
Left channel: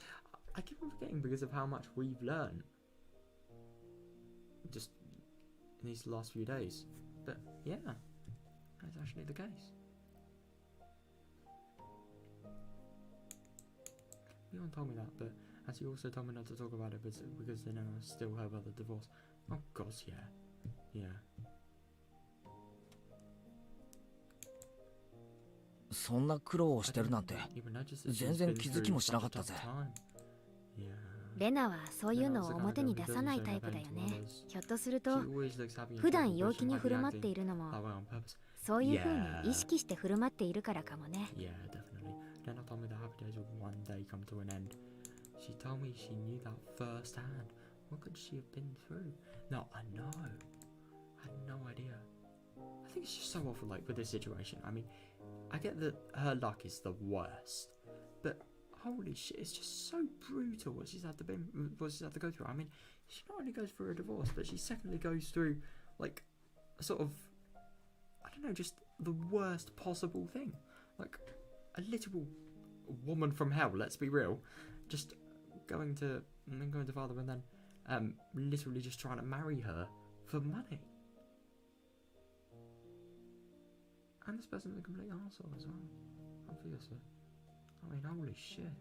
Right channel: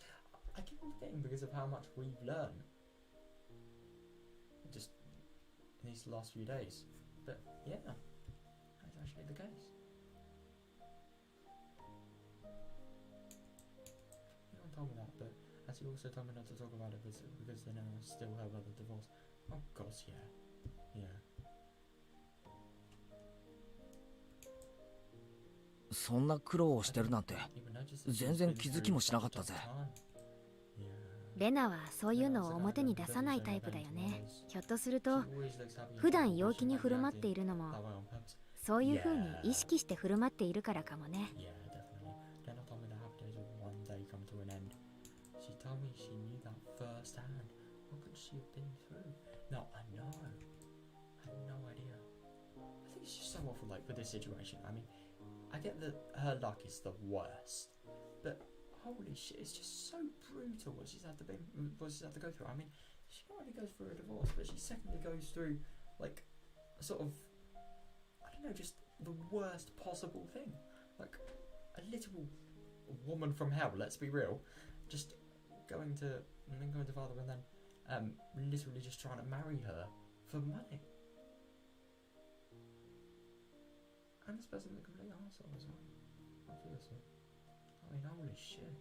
I keep on forgetting because of how much we've learned just in these last few days. But yeah, that's actually the case. No one told me that, but as he also told me not to talk about it because then I still have other divorce. Oh gosh, yeah. Yeah. そんな苦労をしてるなんて全然気づきもしなかったぜ。レナはそういうのを表に出さないタイプだよね。ひょっとすると普段陽気に振る舞っているのもそういう風に意識して振る舞っているからかもね。She told me she knew that firsthand. What could she have been through? No, I know. I had no idea. I think it's just so awful, like, with this situation. I mean, I get that her luck is the worst, but holy shit, it's just so brutal what she's had to go through. I mean, she not only goes through a divorce, but she secondly goes through, like, a sort of, I don't know, just the worst possible thing. Like, a literal woman from hell, let's be real. Just going to father and then literally just trying to marry her for money. And this person's a complete arsehole as well, obviously. I mean, holy shit.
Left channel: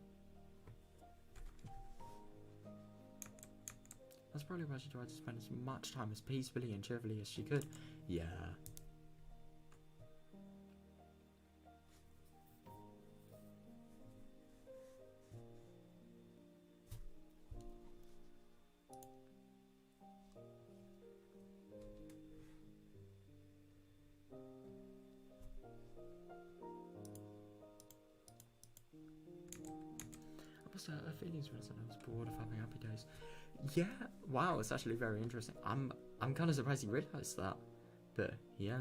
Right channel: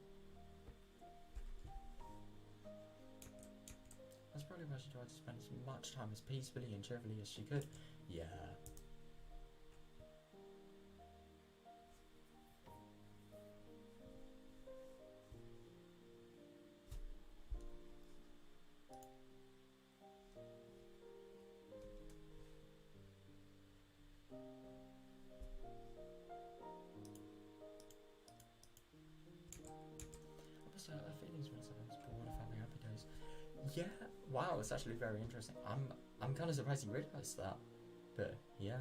That's probably why she tried to spend as much time as peacefully and cheerfully as she could. Yeah. Her feelings when I said I was bored of having happy days. Yeah, wow, it's actually very interesting. I'm kind of surprised you realised that, but yeah.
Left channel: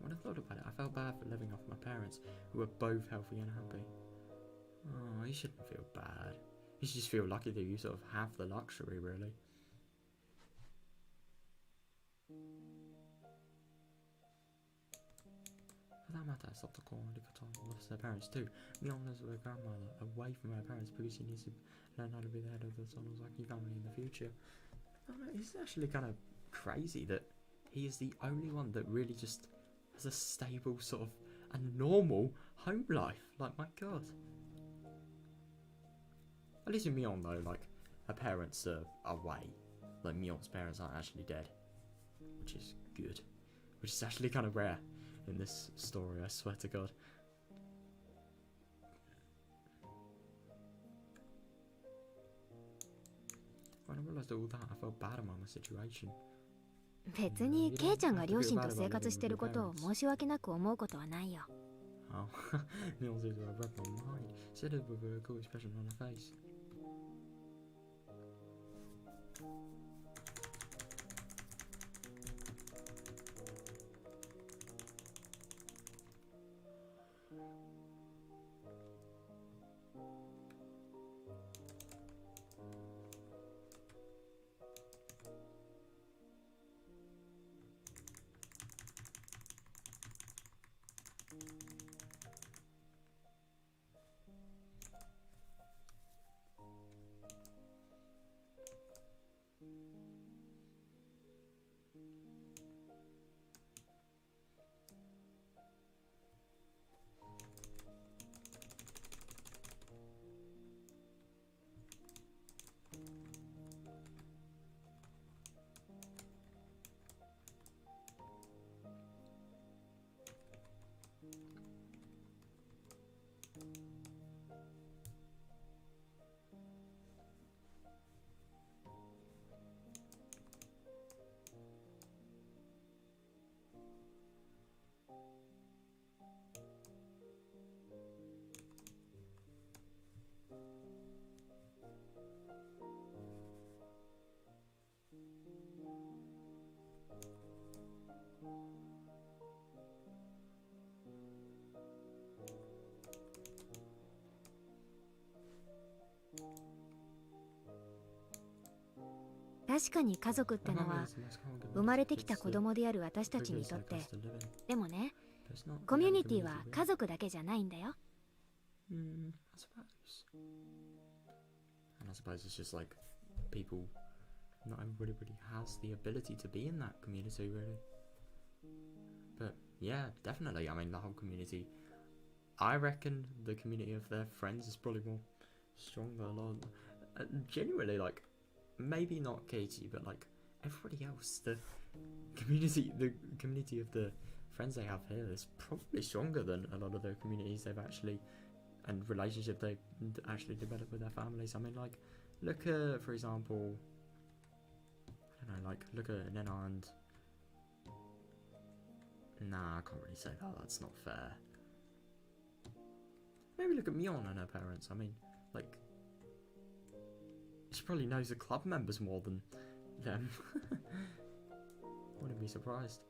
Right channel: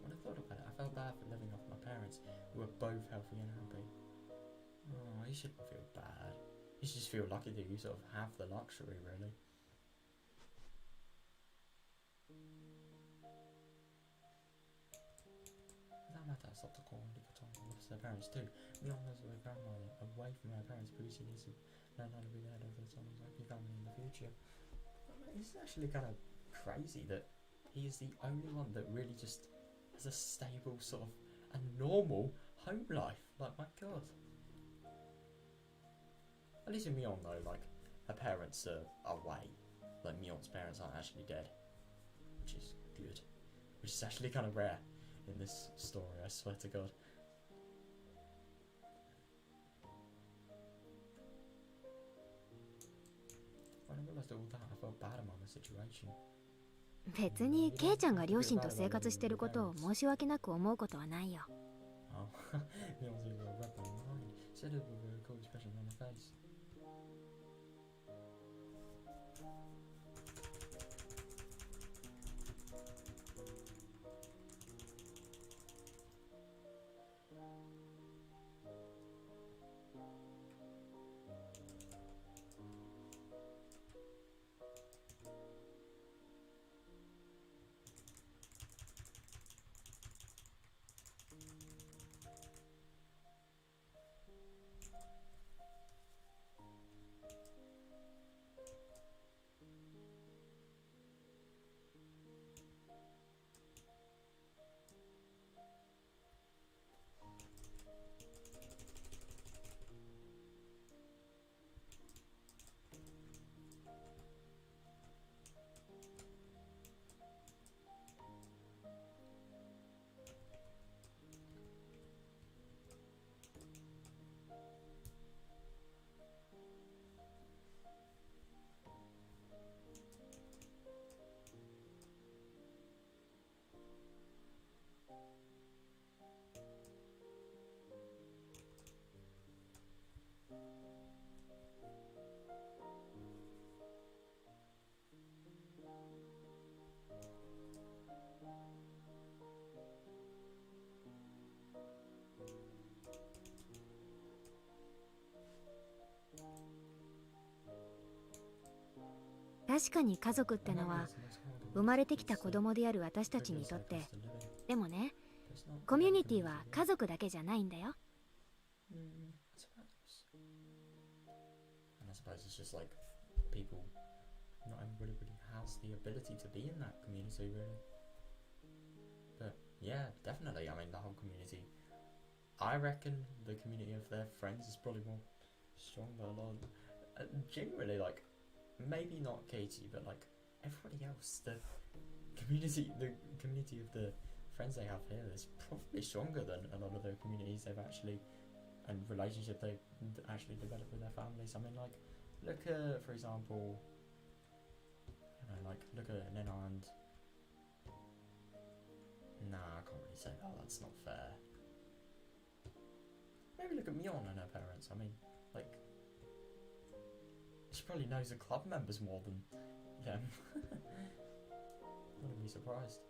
When I thought about it, I felt bad for living off my parents, who were both healthy and happy. Oh, you shouldn't feel bad. You should just feel lucky that you sort of have the luxury, really. For that matter, Satoko loves their parents too. Mion lives with her grandmother, away from her parents because she needs to learn how to be the head of the Sonozaki family in the future. It's actually kind of crazy that he is the only one that really just has a stable sort of a normal home life. Like, my god. At least with Mion though, like, her parents are away. Like, Mion's parents aren't actually dead, which is good. Which is actually kind of rare in this story, I swear to god. When I realised all that, I felt bad about my situation. 別にケイちゃんが両親と生活してることを申し訳なく思うことはないよ。Oh, Mills is a red my mind. Said it with a cool expression on her face.「確かに家族ってのは生まれてきた子供である私たちにとって、でもね、コミュニティは家族だけじゃないんだよ。And I suppose it's just like people, not everybody really has the ability to be in that community, really. But yeah, definitely. I mean, the whole community. I reckon the community of their friends is probably more stronger. Genuinely, like, maybe not Katie, but like everybody else, the community of the friends they have here is probably stronger than a lot of the communities they've actually and relationship they actually develop with their families. I mean, like, look at, for example, I don't know, like, look at Rena and... Nah, I can't really say that, that's not fair. Maybe look at Mion and her parents. I mean, like, she probably knows the club members more than them. Wouldn't be surprised.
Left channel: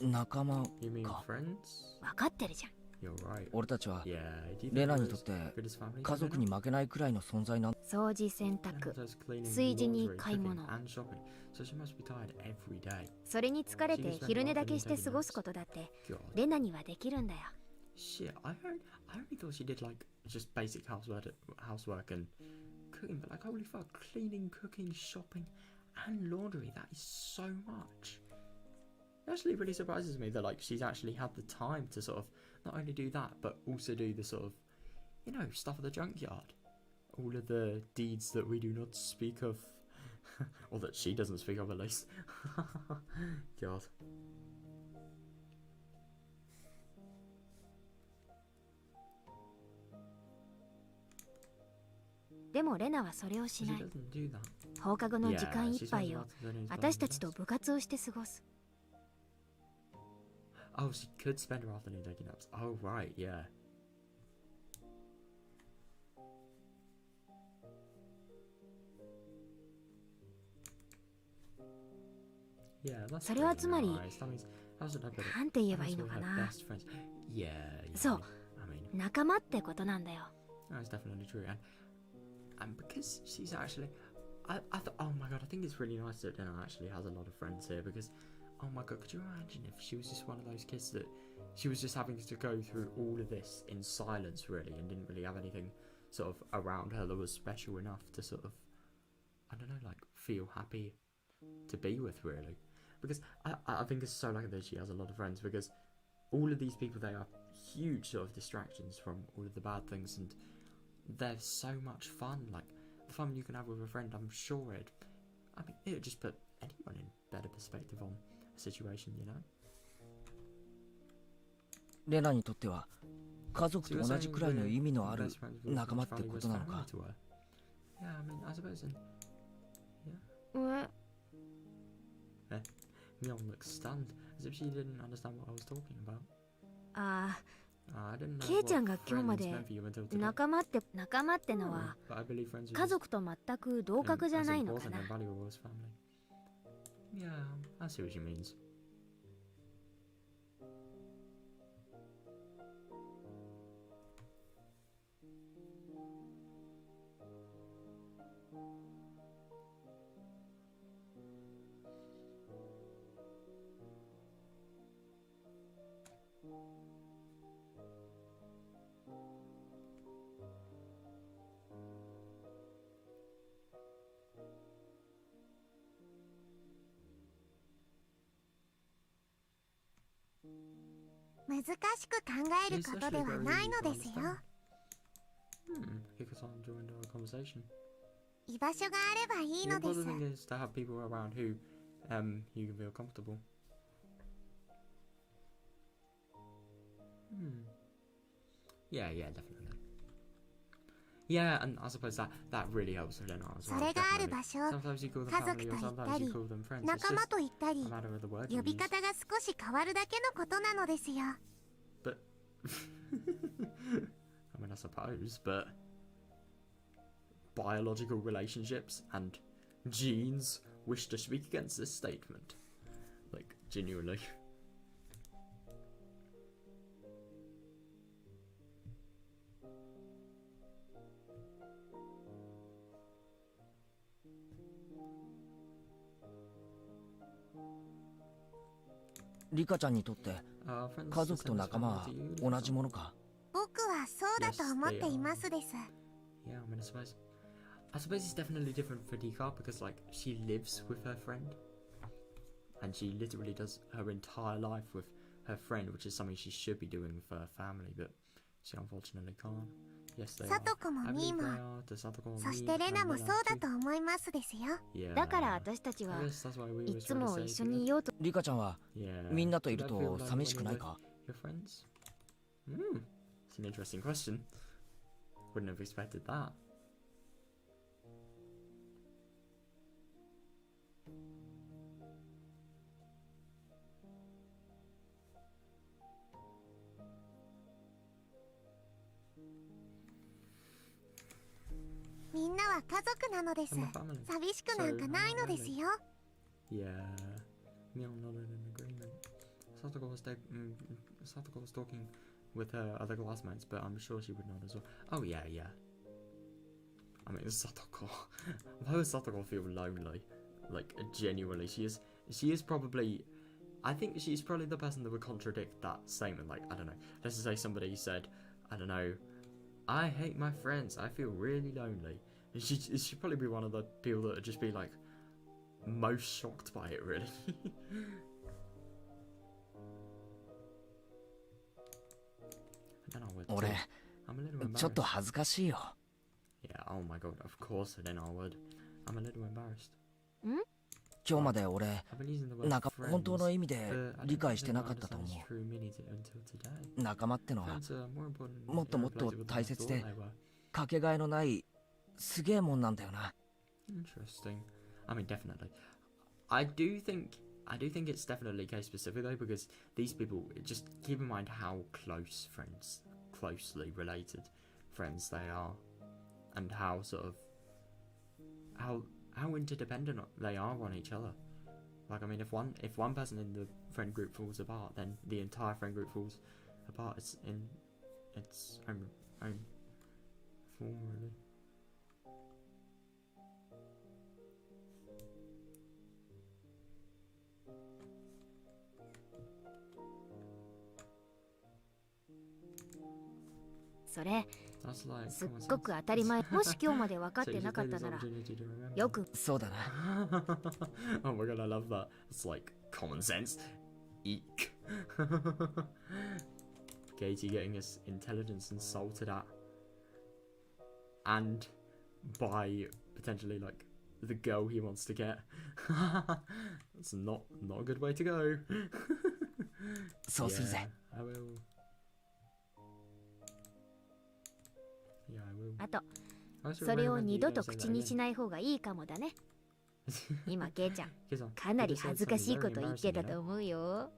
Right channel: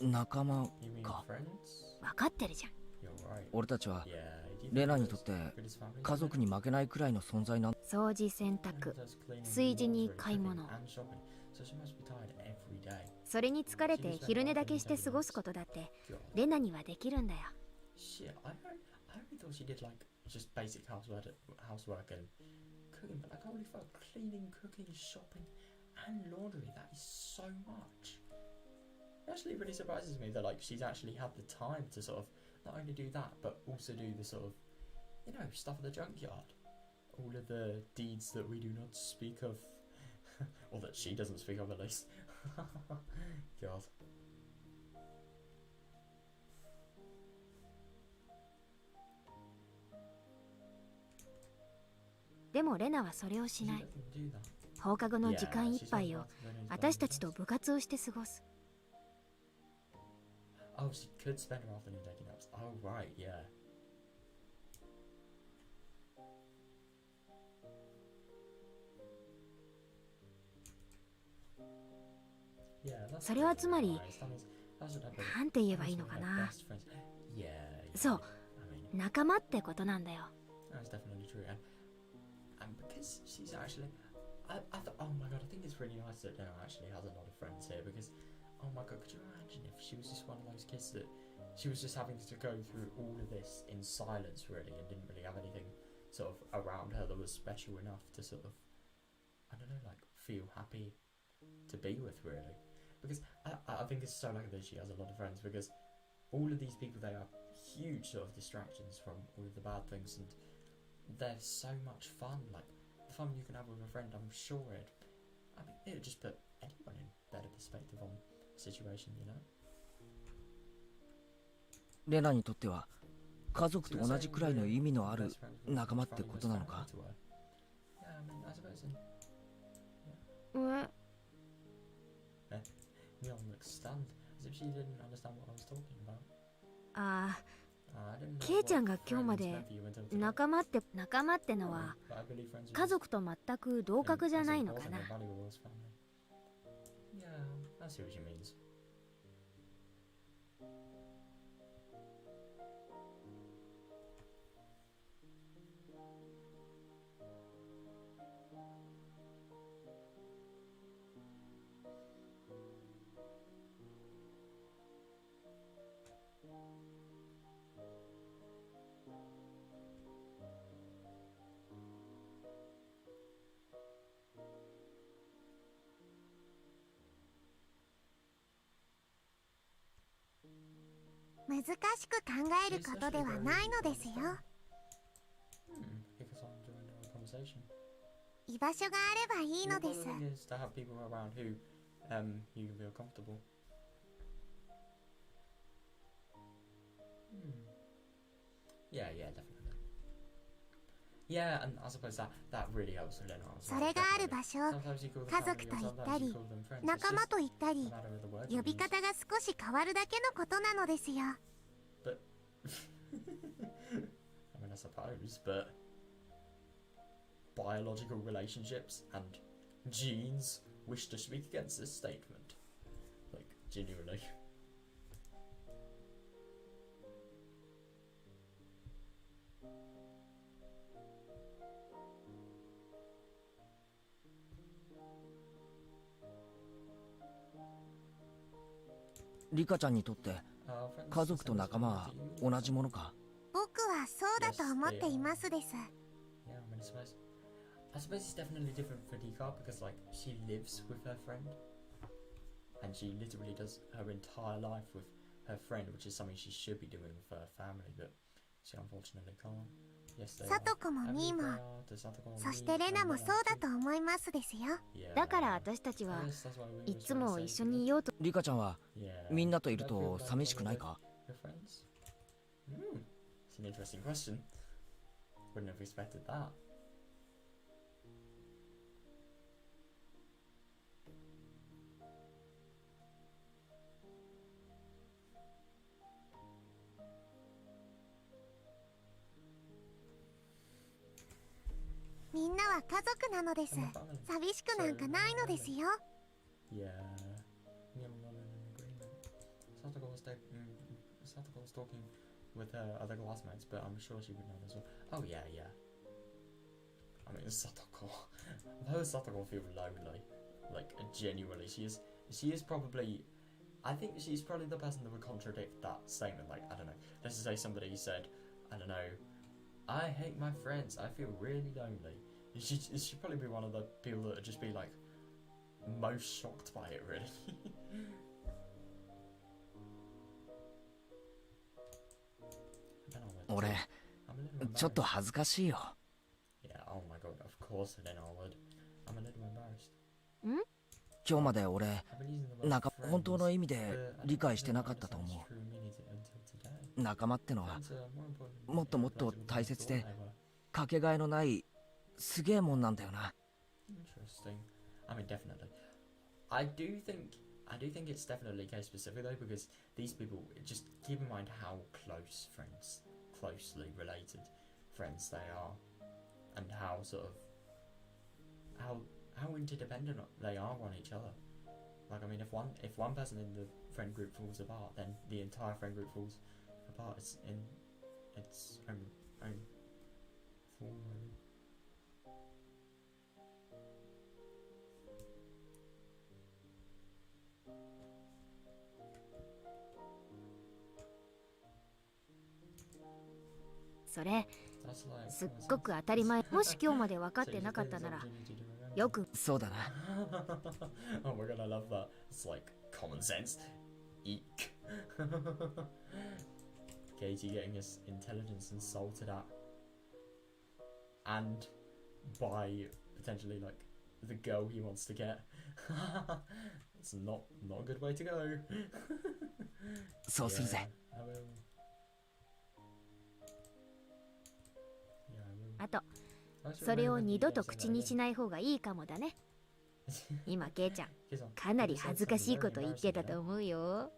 仲間 You mean か。 friends? 分かってるじゃん。You're right. 俺たちは Yeah, do you レ think ナ it に was とって Ritta's family? 家族に負けないくらいの存在なん。掃除、洗濯、 炊事に買い物。 And shopping. So she must be tired every day. それに疲れて昼寝だけして過ごすことだってレナにはできるんだよ。 Shit, I only thought she did like just basic housework and cooking, but like holy fuck, cleaning, cooking, shopping, and laundry. That is so much. It actually really surprises me that like she's actually had the time to sort of not only do that but also do the sort of, you know, stuff at the junkyard, all of the deeds that we do not speak of, or that she doesn't speak of at least. God. でもレナはそれをし She ない。 doesn't do that. 放課後の時間いっぱい Yeah, を she spends lots of her days 私た by ちと herself. 部活をして過ごす。 Oh, she could spend her afternoon taking naps. Oh, right, yeah. Yeah, that's それは pretty つまり nice. That means, how's it like なんて言えばいい that's の one か of her な。 best friends. Yeah, yeah. そう I mean, 仲間ってことなんだよ。 that's definitely true. And because she's actually, oh my god, I think it's really nice that Rena actually has a lot of friends here because, oh my god, could you imagine if she was just one of those kids that she was just having to go through all of this in silence really and didn't really have anything sort of around her that was special enough to sort of, I don't know, like feel happy to be with really. Because I think it's so lucky that she has a lot of friends because all of these people, they are huge sort of distractions from all of the bad things and they're so much fun. Like the fun you can have with a friend, I'm sure it would just put anyone in better perspective on a situation, you know? レナにとっては家族と同じくらいの意味のある仲間ってことなのか。 Yeah, I mean, I suppose in... What? Myeon looks stunned, as if she didn't understand what I was talking about. ああ、 I didn't know ケイちゃんが what 今日ま friends で meant for you until today. 仲間ってのは But I believe friends are 家族と全く同格じゃないのか as な。 important and valuable as family. Yeah, I see what she means. 難しく考えることではないのですよ。Hikasan joined our conversation. 居場所があればいい The ので important す。 thing is to have people around who you can feel comfortable. Yeah, definitely. Yeah, and I suppose that really helps Rena as そ well. れがある definitely. 場所、 Sometimes you call them 家族 family と or 言った sometimes り you call them friends. It's 仲間 just と言ったり a matter of the word 呼 you び use. 方が少し変わるだけのことなのですよ。 But I mean, I suppose, but biological relationships and genes wish to speak against this statement. Like, genuinely. Rika リカちゃんにとって家 Friends 族 the と same as 仲間 family は to you, 同じものか。 僕はそうだと思っていますです。 Yeah, I mean, I suppose it's definitely different for Dika because, like, she lives with her friend, and she literally does her entire life with her friend, which is something she should be doing with her family, but she unfortunately can't. Yes, they サトコ are. も I ミ believe ーも they are. To Satoko and そ me してレナ and も Rena そうだ too. と思いますですよ。 Yeah. だから私たち I は guess that's why we い always つ try to も say 一緒 to にいようと。リカちゃんは Yeah. みんなとい Do る you feel と like 寂しく when ない you're か。 with your friends? It's an interesting question. Wouldn't have expected that. みんなは家族なのです。 I'm a family. 寂しくなんかないのですよ。 Yeah. Myeon nodded in agreement. Satoko was talking with her other classmates, but I'm sure she would nod as well. Oh yeah. I mean, Satoko. Why would Satoko feel lonely? Like, genuinely, she is probably... I think she's probably the person that would contradict that statement. Like, I don't know. Let's just say somebody said, I don't know, I hate my friends, I feel really lonely. She'd probably be one of the people that would just be like, most shocked by it, really. And then I would 俺 I'm a little ちょっと embarrassed. 恥ずかしいよ。 Yeah, oh my god, of course, then I would. I'm a little embarrassed. 今日まで俺 I've been using the word なんか friends, 本当の意味で but I don't 理解 think して I なかったと understand 思 its true meaning until today. う。仲間ってのは Friends are more important もっともっと in a place 大切 than で I thought they were. かけがえのないすげえもんなんだよな。 Interesting. I mean, definitely. I do think it's definitely case specific though, because these people, just keep in mind how closely related friends they are, and how sort of how interdependent they are on each other. Like, I mean, if one person in the friend group falls apart, then the entire friend group falls apart. It's in its own, form, really. それ That's like すっ common ごく sense. 当たり前。もし今日まで分かっ So て you な should か take った this なら opportunity to remember. よくそうだな。 Oh my god, I love that. It's like common sense. Eek. Katie getting his intelligence insulted at. And by potentially like the girl he wants to get. That's not a good way to go. そうするぜ。 I will. Yeah, I will. あと I also それを recommend 二 you 度 don't と say 口 that に again. しない方がいいかもだね。今ケイちゃん Kisan, かなり you just said 恥ずかしい something こ very と言ってた embarrassing, you と know? 思うよ。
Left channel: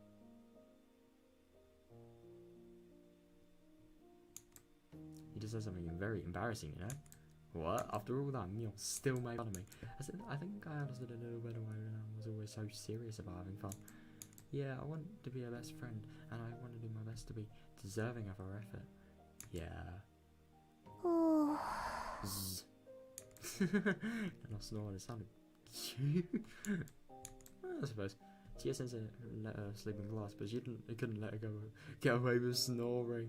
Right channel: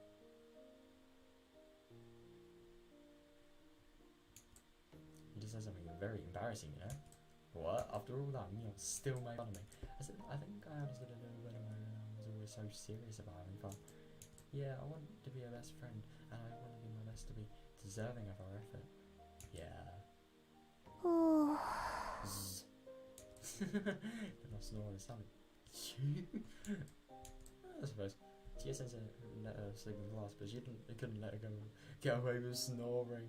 You just said something very embarrassing, you know? What? After all that, Neil still made fun of me. I think I understood a little better why Rena was always so serious about having fun. Yeah, I want to be her best friend, and I want to do my best to be deserving of her effort. Yeah. ふう Zzz. And I snore, it sounded cute. I suppose. Tia Sensei let her sleep in class, but he couldn't let her get away with snoring.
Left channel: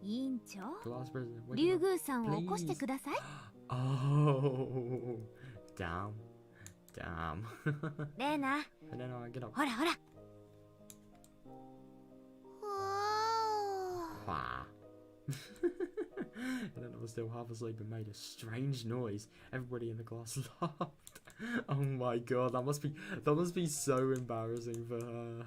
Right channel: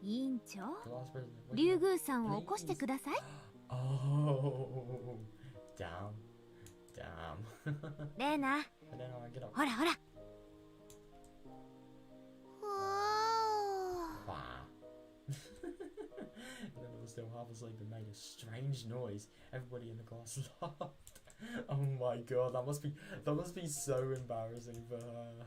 委員長 Class president, wake 竜 up. 宮さんを起こしてください。 Oh, damn. レーナ And then I get up. ほらほら。ふう Wah. And then I was still half asleep and made a strange noise. Everybody in the class laughed. Oh my god, that must be so embarrassing for her.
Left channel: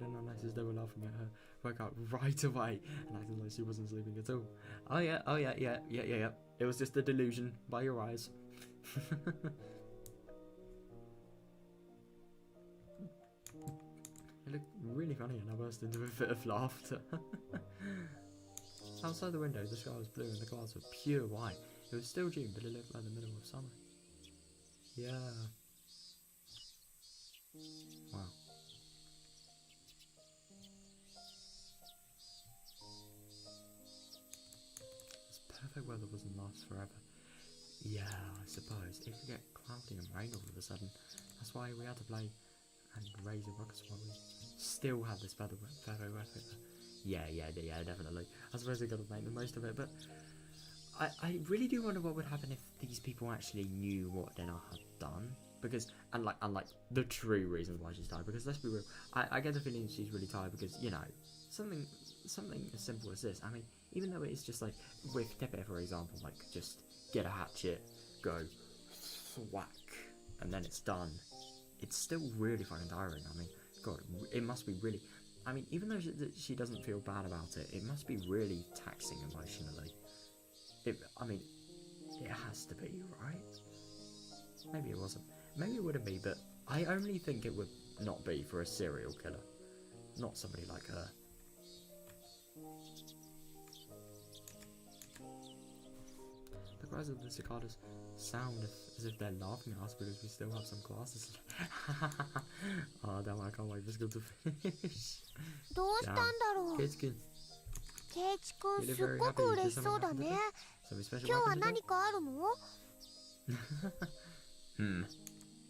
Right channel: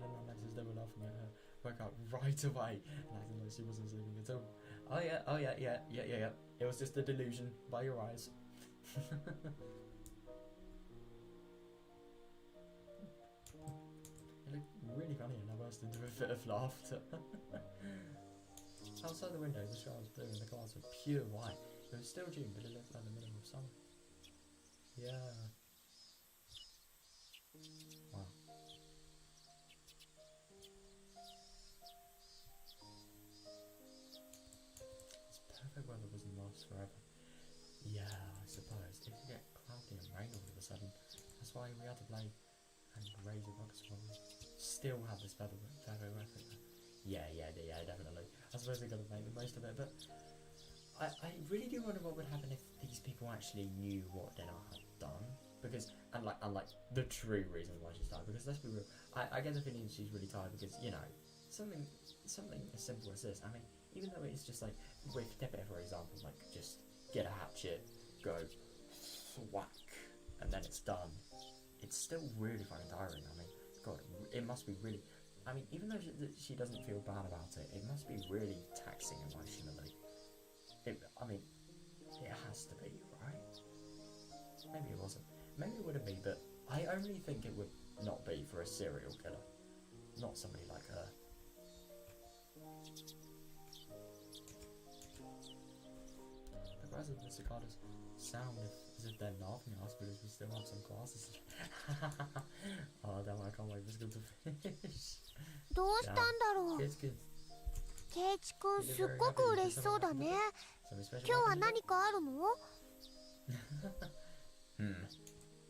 And then our nurses, they were laughing at her, woke up right away and acting like she wasn't sleeping at all. Oh yeah. It was just a delusion by your eyes. It looked really funny and I burst into a fit of laughter. Outside the window, the sky was blue and the clouds were pure white. It was still June, but it looked like the middle of summer. Yeah. Wow. This perfect weather wasn't last forever. Yeah, I suppose. It could get cloudy and rain all of a sudden. That's why we had to play and raise a rocket while we still had this perfect weather. Yeah, definitely. I suppose we got to make the most of it, but I really do wonder what would happen if these people actually knew what Rena had done. Because, unlike the true reasons why she's tired, because let's be real, I get the feeling she's really tired because, you know, something as simple as this. I mean, even though it's just like, with Tepe for example, like, just get a hatchet, go, whack, and then it's done. It's still really fucking tiring. I mean, God, it must be really, I mean, even though she doesn't feel bad about it, it must be really taxing emotionally. I mean, it has to be, right? Maybe it wasn't. Maybe it wouldn't be, but I only think it would not be for a serial killer. Not somebody like her. The cries of the cicadas sound as if they're laughing at us because we still have some classes. Oh, damn, I can't wait for school to finish. どうしたんだろう。 It's good. ケイチくんすっごく嬉しそうだね。 Something special 今日は happened today? 何かあるの？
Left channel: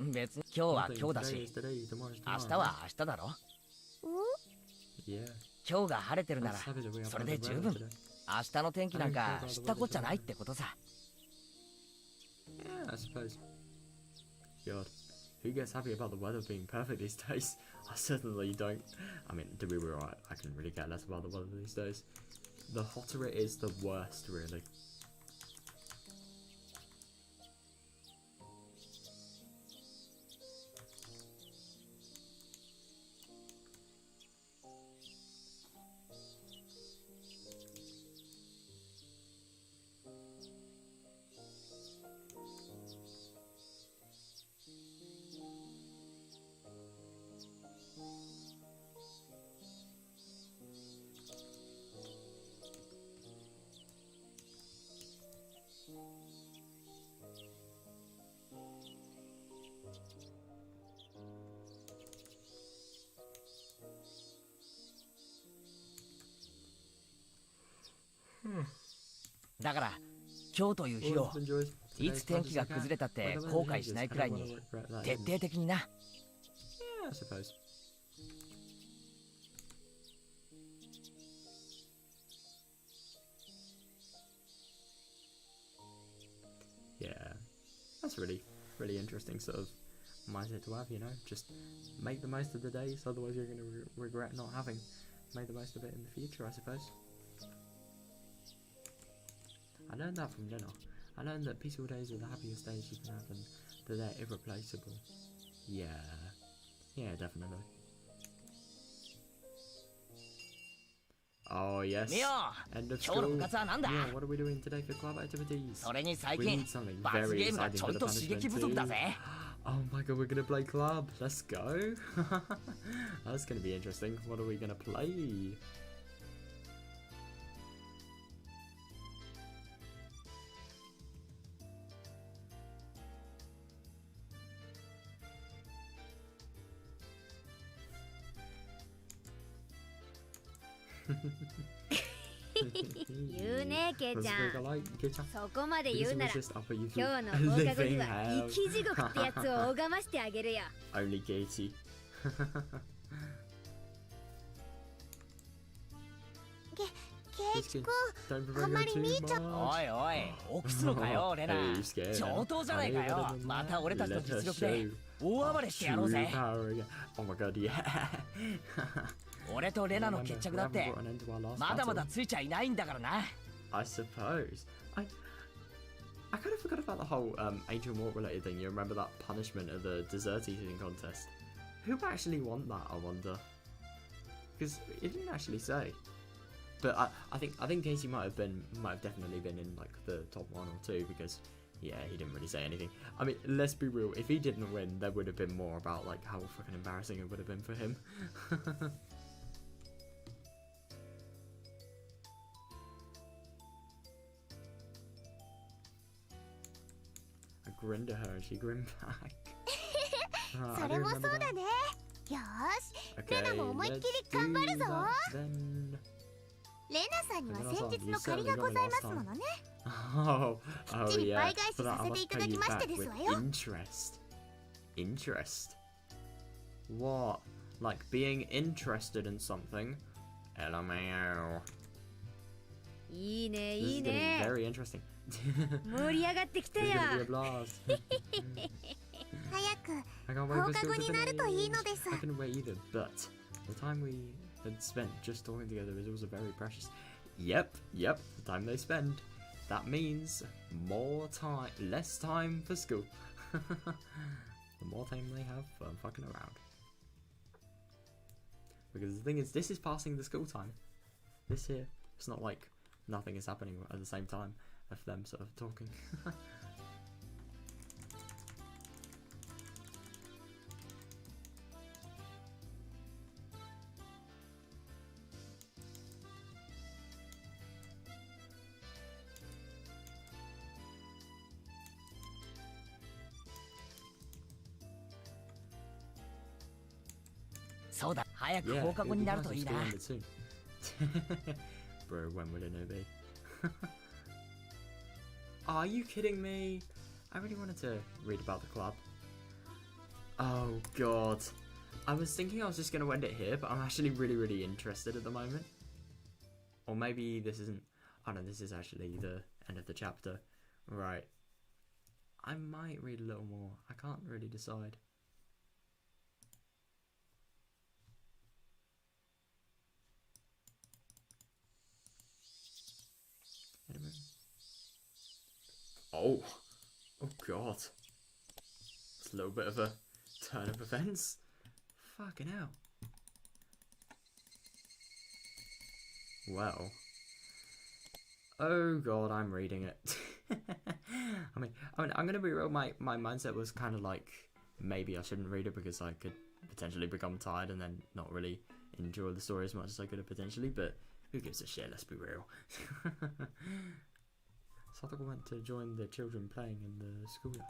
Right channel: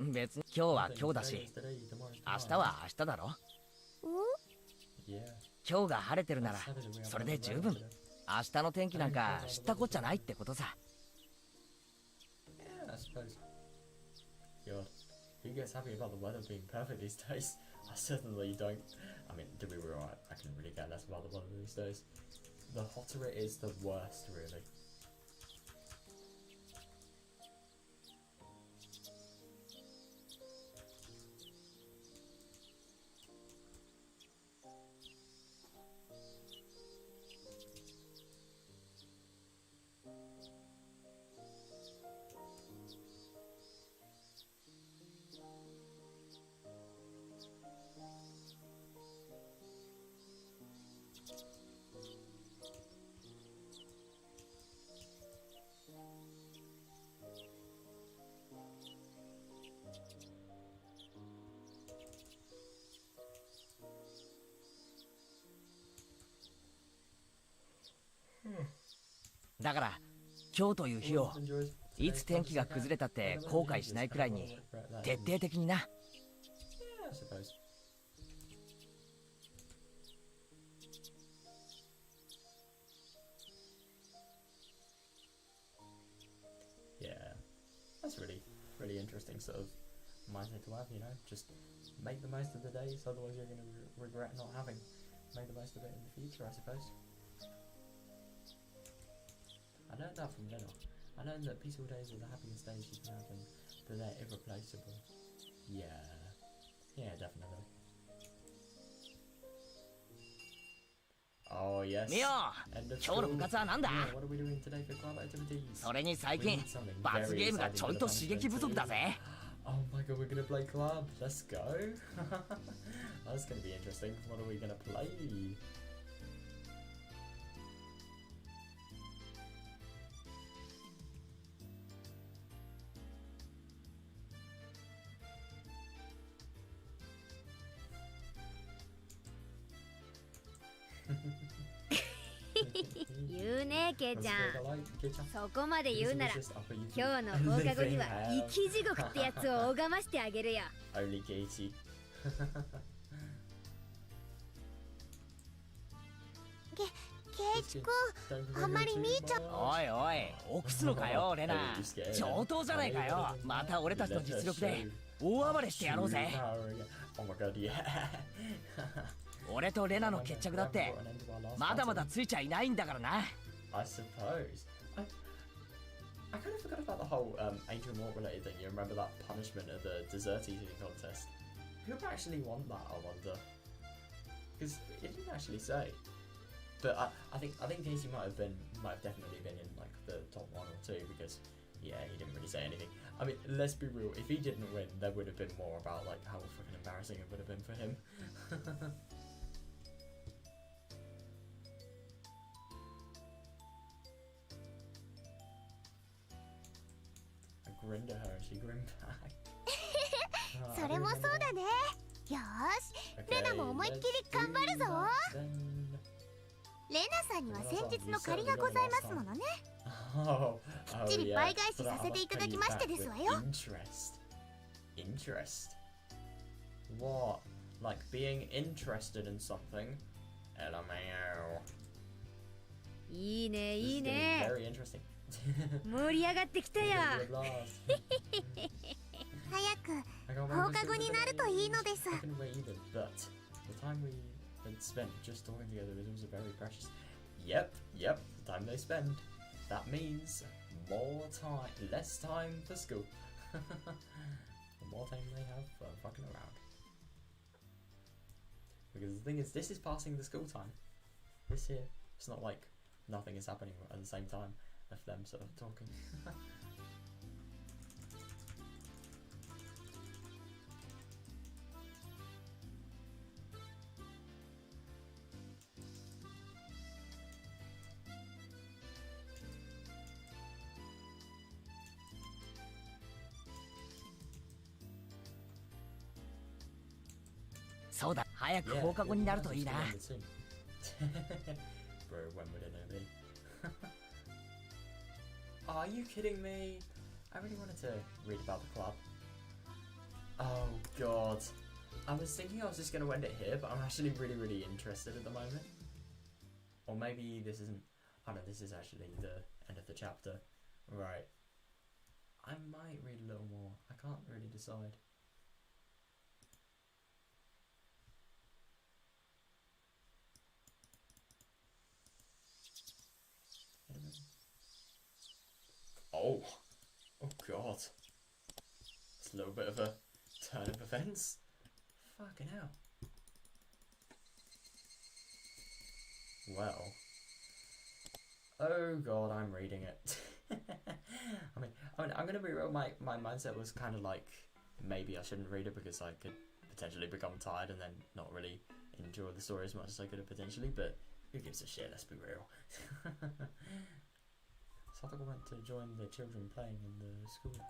別に今日は今日だし、明日は明日だろ。うん？ Yeah. 今日が晴れてるならそれで十分。明日の天気なんか知ったこっちゃないってことさ。 Yeah, I suppose. God, who gets happy about the weather being perfect these days? I certainly don't. I mean, to be real, I can really care less about the weather these days. The hotter it is, the worst, really. だから今日という日を Always enjoys い today's つ天気が project 崩れたって後悔しないくらいに 徹底的にな。 Yeah, I suppose. Yeah, that's really interesting sort of mindset to have, you know, just make the most of the days, otherwise you're going to regret not having made the most of it in the future, I suppose. I learned that from Rena. I learned that peaceful days are the happiest days you can have and that they're irreplaceable. Yeah, definitely. Oh yes. ミオ、 End of 今日の school. 部活はなんだ？ Yeah, what are we doing today for club activities? それに最 We 近 need something 罰 very ゲームが exciting ちょ for い the と刺激 punishment 不足だ too. ぜ。 Oh my god, we're gonna play club. Let's go. That's gonna be interesting. What are we gonna play? "言うねケイちゃん。 Kei-chan. そこまで言うなら This was just offer you 今日の through 放課後に living は hell. 生き地獄ってやつを拝ましてあげるよ。 Only Katie. ケイチくん Don't provoke あんまり her too 兄ちゃん much. おいおい、臆すのかよレナ。 Hey, you scared? 上等じゃないかよ。また俺たちの実力で大暴れしてやろうぜ。 Oh my god, yeah. 俺とレナの決着だってまだまだついちゃいないんだからな。 I suppose. I kind of forgot about the whole Angel Mort related thing. You remember that punishment of the dessert eating contest? Who actually won that, I wonder? Because it didn't actually say. But I think Casey might have definitely been in like the top 1 or 2 because yeah, he didn't really say anything. I mean, let's be real, if he didn't win, there would have been more about like how fucking embarrassing it would have been for him. I grinned at her and she grinned back. それもそうだね。よーし、レナも思いっきり頑張るぞ。 Then... レナさんには先日の借りがございますものね。 Oh, きっちり yeah. 倍返し So that さ I せてい must た pay だ you きまして back です with わよ。 interest. What? Like being interested in something? LMAO. いいね This い is い getting ね。 very interesting. 盛り上がってきた It's よ。 gonna be a blast. 早く I can't 放 wait 課 for 後 school に to なるといいの finish. です。 I couldn't wait either, but the time we had spent just talking together is also very precious. Yep, the time they spend. That means more time, less time for school. The more time they have for fucking around. Because the thing is, this is passing the school time. This here, it's not like nothing is happening at the same time of them sort of talking. Yeah, そうだ、早く Yeah, 放課 it'll 後 be にな nice ると if いいな。 school ended soon. Bro, when will it be? Are you kidding me? I really wanted to read about the club. Oh god. I was thinking I was just going to end it here, but I'm actually really interested at the moment. Or maybe this isn't... Oh no, this is actually the end of the chapter. Right. I might read a little more. I can't really decide. Oh god. It's a little bit of a turn of events. Fucking hell. Well. Oh god, I'm reading it. I mean, I'm gonna be real, my mindset was kind of like, maybe I shouldn't read it because I could potentially become tired and then not really enjoy the story as much as I could have potentially, but who gives a shit, let's be real. Satoko went to join the children playing in the schoolyard.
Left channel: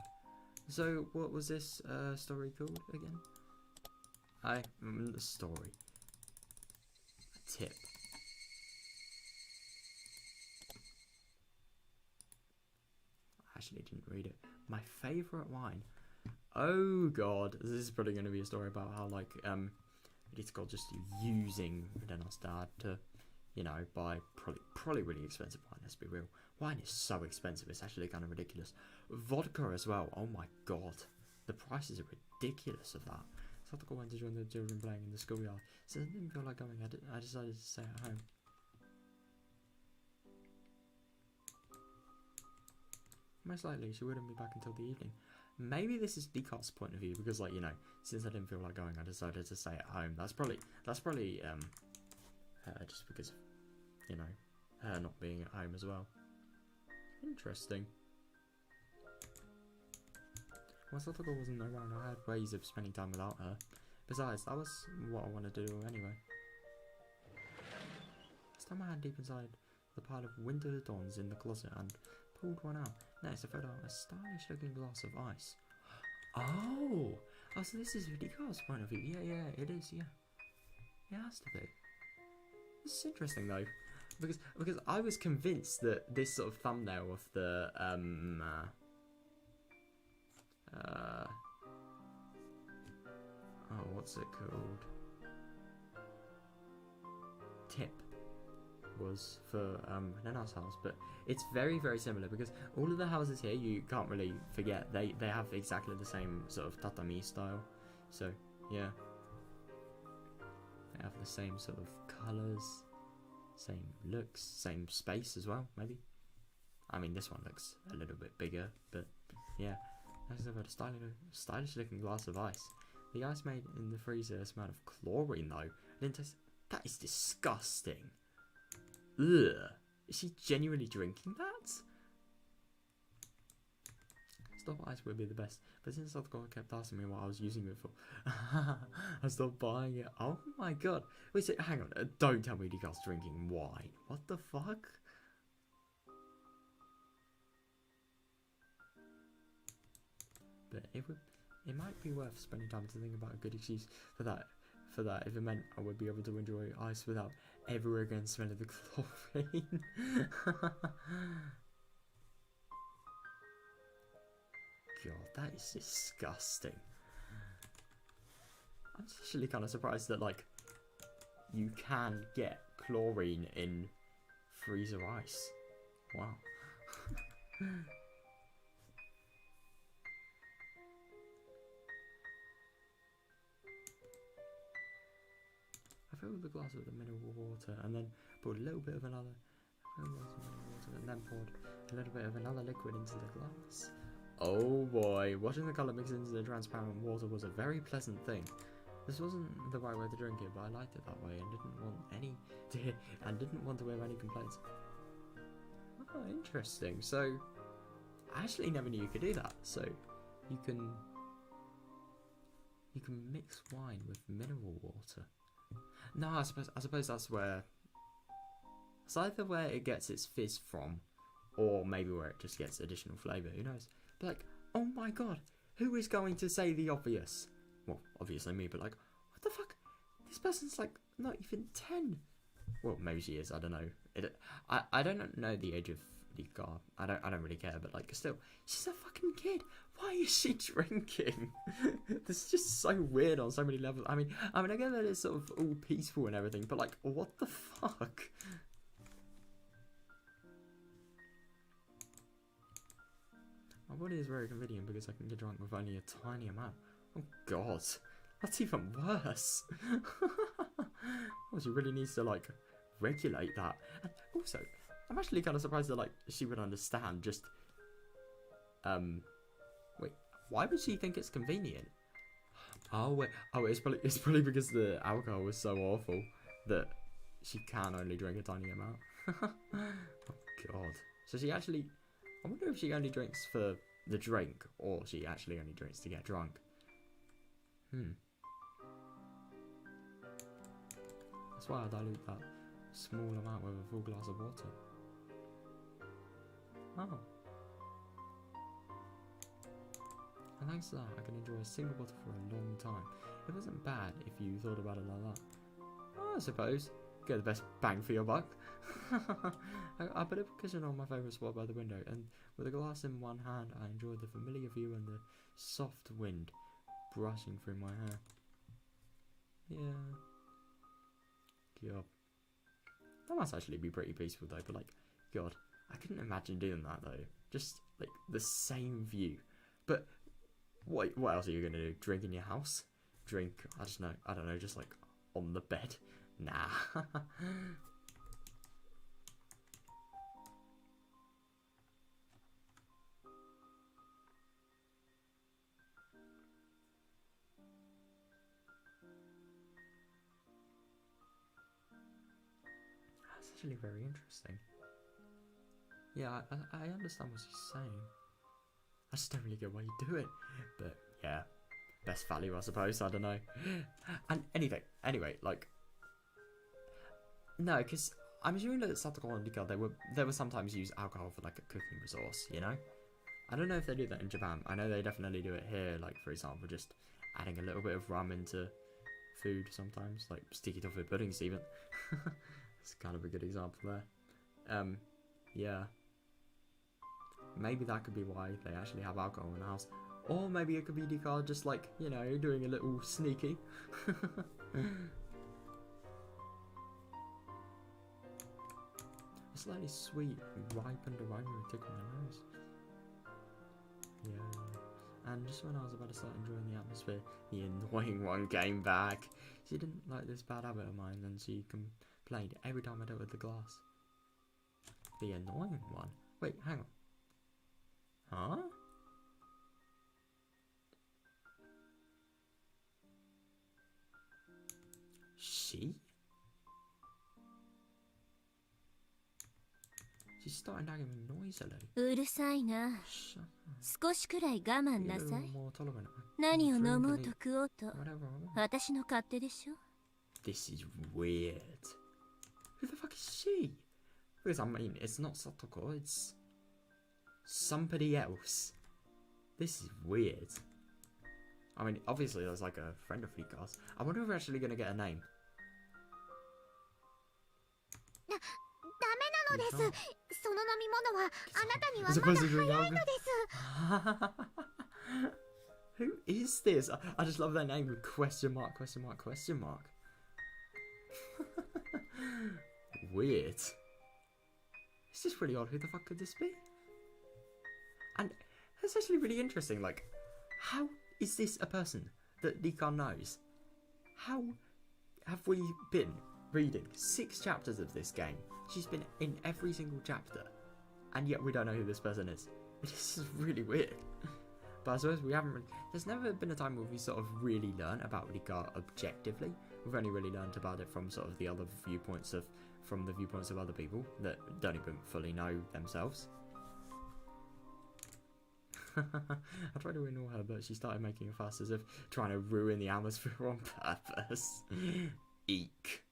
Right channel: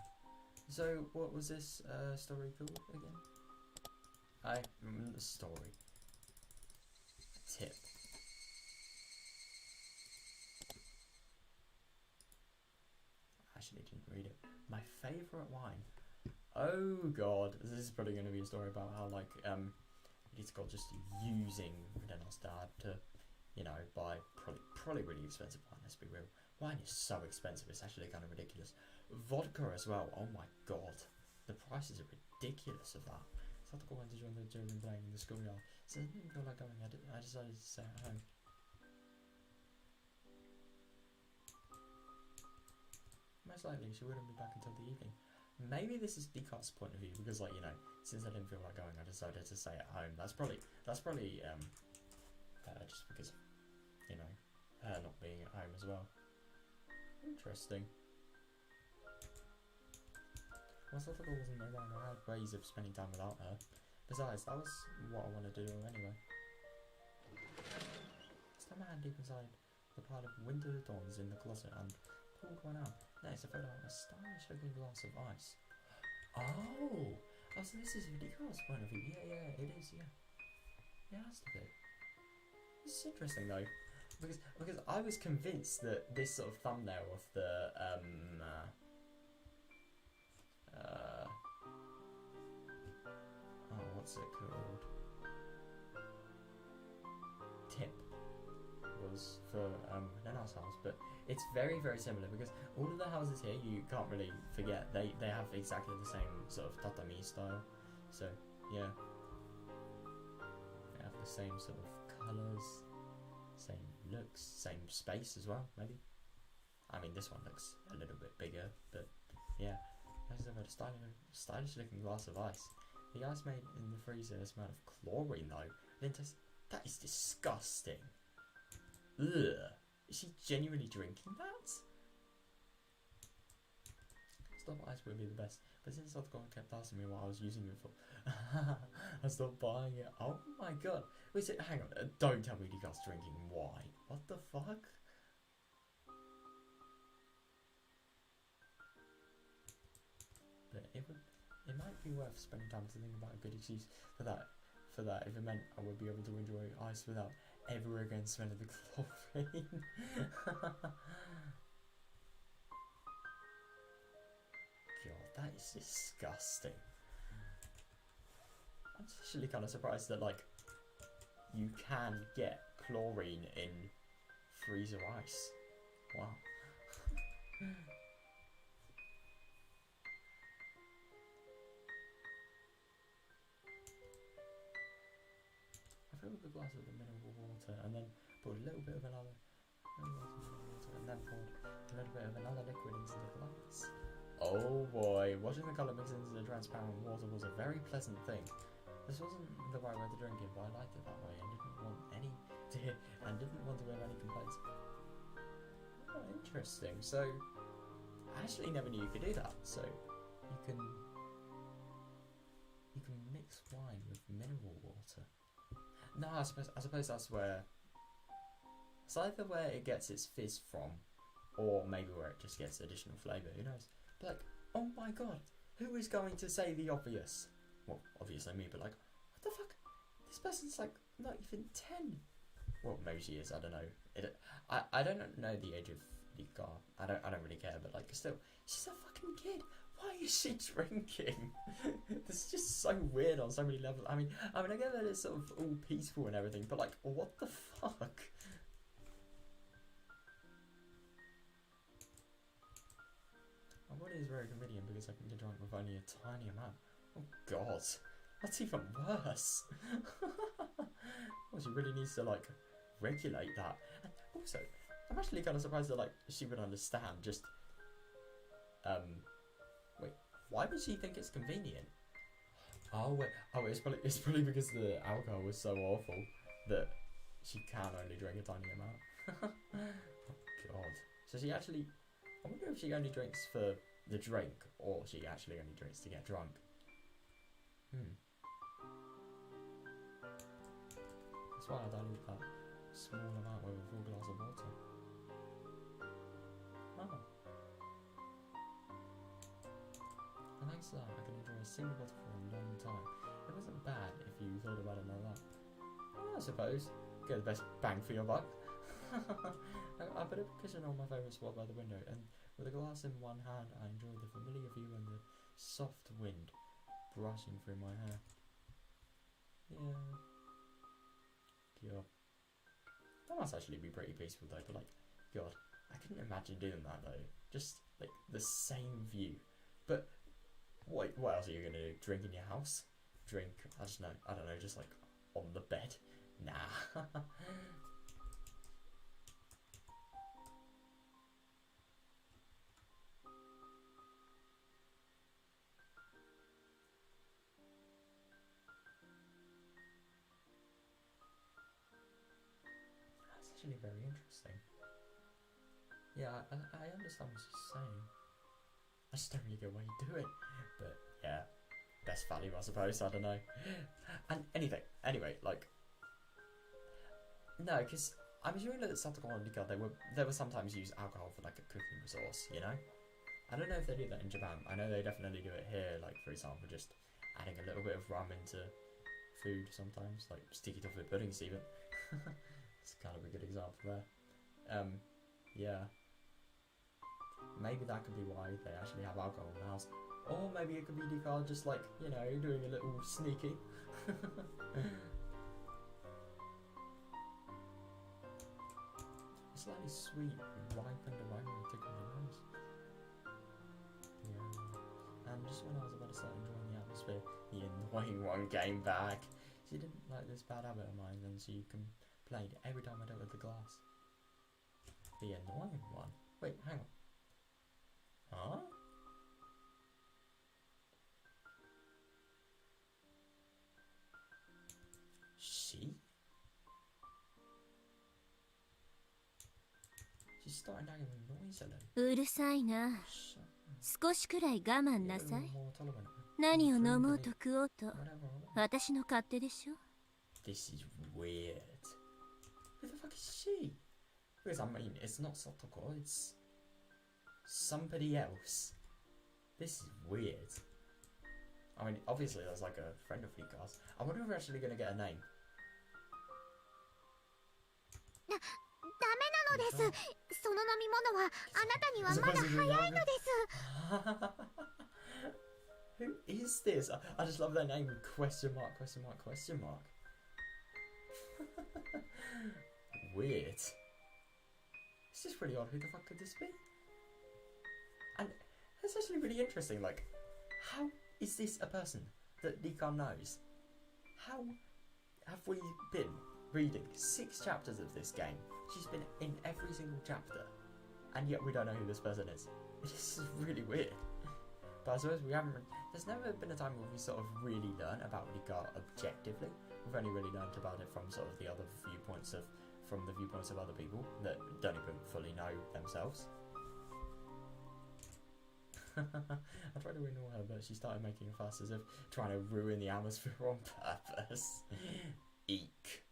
So, what was this story called again? Story. Tip. actually didn't read it. My favourite wine. Oh god, this is probably going to be a story about how like it's got just using Rena's dad to, you know, buy probably really expensive wine. Let's be real. Wine is so expensive, it's actually kind of ridiculous. Vodka as well. Oh my god, the prices are ridiculous of that. So I went to join the children playing in the schoolyard. So I didn't feel like going. I decided to stay at home. Most likely she wouldn't be back until the evening. Maybe this is Decat's point of view because, like, you know, since I didn't feel like going, I decided to stay at home. That's probably just because of, you know, her not being at home as well. Interesting. Once I thought I wasn't around, I had ways of spending time without her. Besides, that was what I wanted to do anyway. I stuck my hand deep inside the pile of winter dons in the closet and pulled one out. Next, I filled out a stylish looking glass of ice. Oh, so this is Higura's point of view. Yeah, it is, yeah. It has to be. This is interesting though. Because I was convinced that this sort of thumbnail of the oh, what's it called? Tip was for Rena's house, but it's very, very similar because all of the houses here, you can't really forget, they have exactly the same sort of tatami style. So yeah, they have the same sort of colours, same looks, same space as well, maybe. I mean, this one looks a little bit bigger, but yeah. Next I've got a stylish looking glass of ice. The ice made in the freezer smelled of chlorine though. That is disgusting. Ugh. Is she genuinely drinking that? Stop ice would be the best, but since Softcore kept asking me what I was using it for, I stopped buying it. Oh my god. Wait, so, hang on, don't tell me Decat's drinking wine. What the fuck? But it might be worth spending time to think about a good excuse for that if it meant I would be able to enjoy ice without ever again smelling the chlorine. God, that is disgusting. I'm actually kind of surprised that, like, you can get chlorine in freezer ice. Wow. I filled the glass with the mineral water and then poured a little bit of another and then poured a little bit of another liquid into the glass. Oh boy, watching the colour mix into the transparent water was a very pleasant thing. This wasn't the right way to drink it, but I liked it that way and didn't want to hear any complaints. Oh, interesting. So I actually never knew you could do that. So you can mix wine with mineral water. No, I suppose that's where it's either where it gets its fizz from, or maybe where it just gets additional flavour. Who knows? But like, oh my god, who is going to say the obvious? Well, obviously me, but like, what the fuck? This person's like not even 10. Well, maybe she is. I don't know. I don't know the age of Rika. I don't really care. But like, still, she's a fucking kid. Why is she drinking? This is just so weird on so many levels. I mean, I get that it's sort of all peaceful and everything, but like, what the fuck? My body is very convenient because I can get drunk with only a tiny amount. Oh god, that's even worse. Well, she really needs to like regulate that. And also, I'm actually kind of surprised that like she would understand. Just wait, why would she think it's convenient? Oh wait, it's probably because the alcohol was so awful that she can only drink a tiny amount. Oh god. So she actually, I wonder if she only drinks for the drink or she actually only drinks to get drunk. That's why I dilute that small amount with a full glass of water. Oh. And thanks to that, I can enjoy a single bottle for a long time. It wasn't bad if you thought about it like that. Oh, I suppose. Get the best bang for your buck. I put a cushion on my favourite spot by the window, and with a glass in one hand, I enjoyed the familiar view and the soft wind brushing through my hair. Yeah. God. That must actually be pretty peaceful though, but like, God, I couldn't imagine doing that though. Just like the same view. But what else are you gonna do? Drink in your house? Drink, I don't know, just like on the bed? Nah. That's actually very interesting. Yeah, I understand what he's saying. I just don't really get why you do it. But yeah, best value, I suppose. I don't know. And anyway, like, no, because I'm assuming that Satoko and Rika, they were sometimes use alcohol for like a cooking resource, you know? I don't know if they do that in Japan. I know they definitely do it here, like for example, just adding a little bit of rum into food sometimes, like sticky toffee puddings even. It's kind of a good example there. Yeah. Maybe that could be why they actually have alcohol in the house. Or maybe it could be Rika just like, you know, doing a little sneaky. A slightly sweet, ripened aroma tickled my nose. Yeah. And just when I was about to start enjoying the atmosphere, the annoying one came back. She didn't like this bad habit of mine, and she complained every time I dealt with the glass. The annoying one? Wait, hang on. Huh? She? She's starting to get noisily. うるさいな。 Shut up. 少しくらい我慢 Be a なさ little い。 more tolerant. 何を飲もうと食おうと Whatever I want. 私の勝手でしょ。 This is weird. Who the fuck is she? Because I mean, it's not Satoko, it's somebody else. This is weird. I mean, obviously there's like a friend of Rika's. I wonder if we're actually gonna get a name. ダメなのです。その飲み物はあなたにはまだ Supposed to 早 drink いのです。 Who is this? I just love their name with question mark, question mark, question mark. Weird. It's just really odd. Who the fuck could this be? And it's actually really interesting. Like, how is this a person that Rika knows? How have we been reading 6 chapters of this game? She's been in every single chapter, and yet we don't know who this person is. This is really weird. But I suppose we haven't. There's never been a time where we sort of really learn about Rika objectively. We've only really learned about it from sort of the other viewpoints from the viewpoints of other people that don't even fully know themselves. I tried to ignore her, but she started making a fuss as if trying to ruin the atmosphere on purpose. Eek.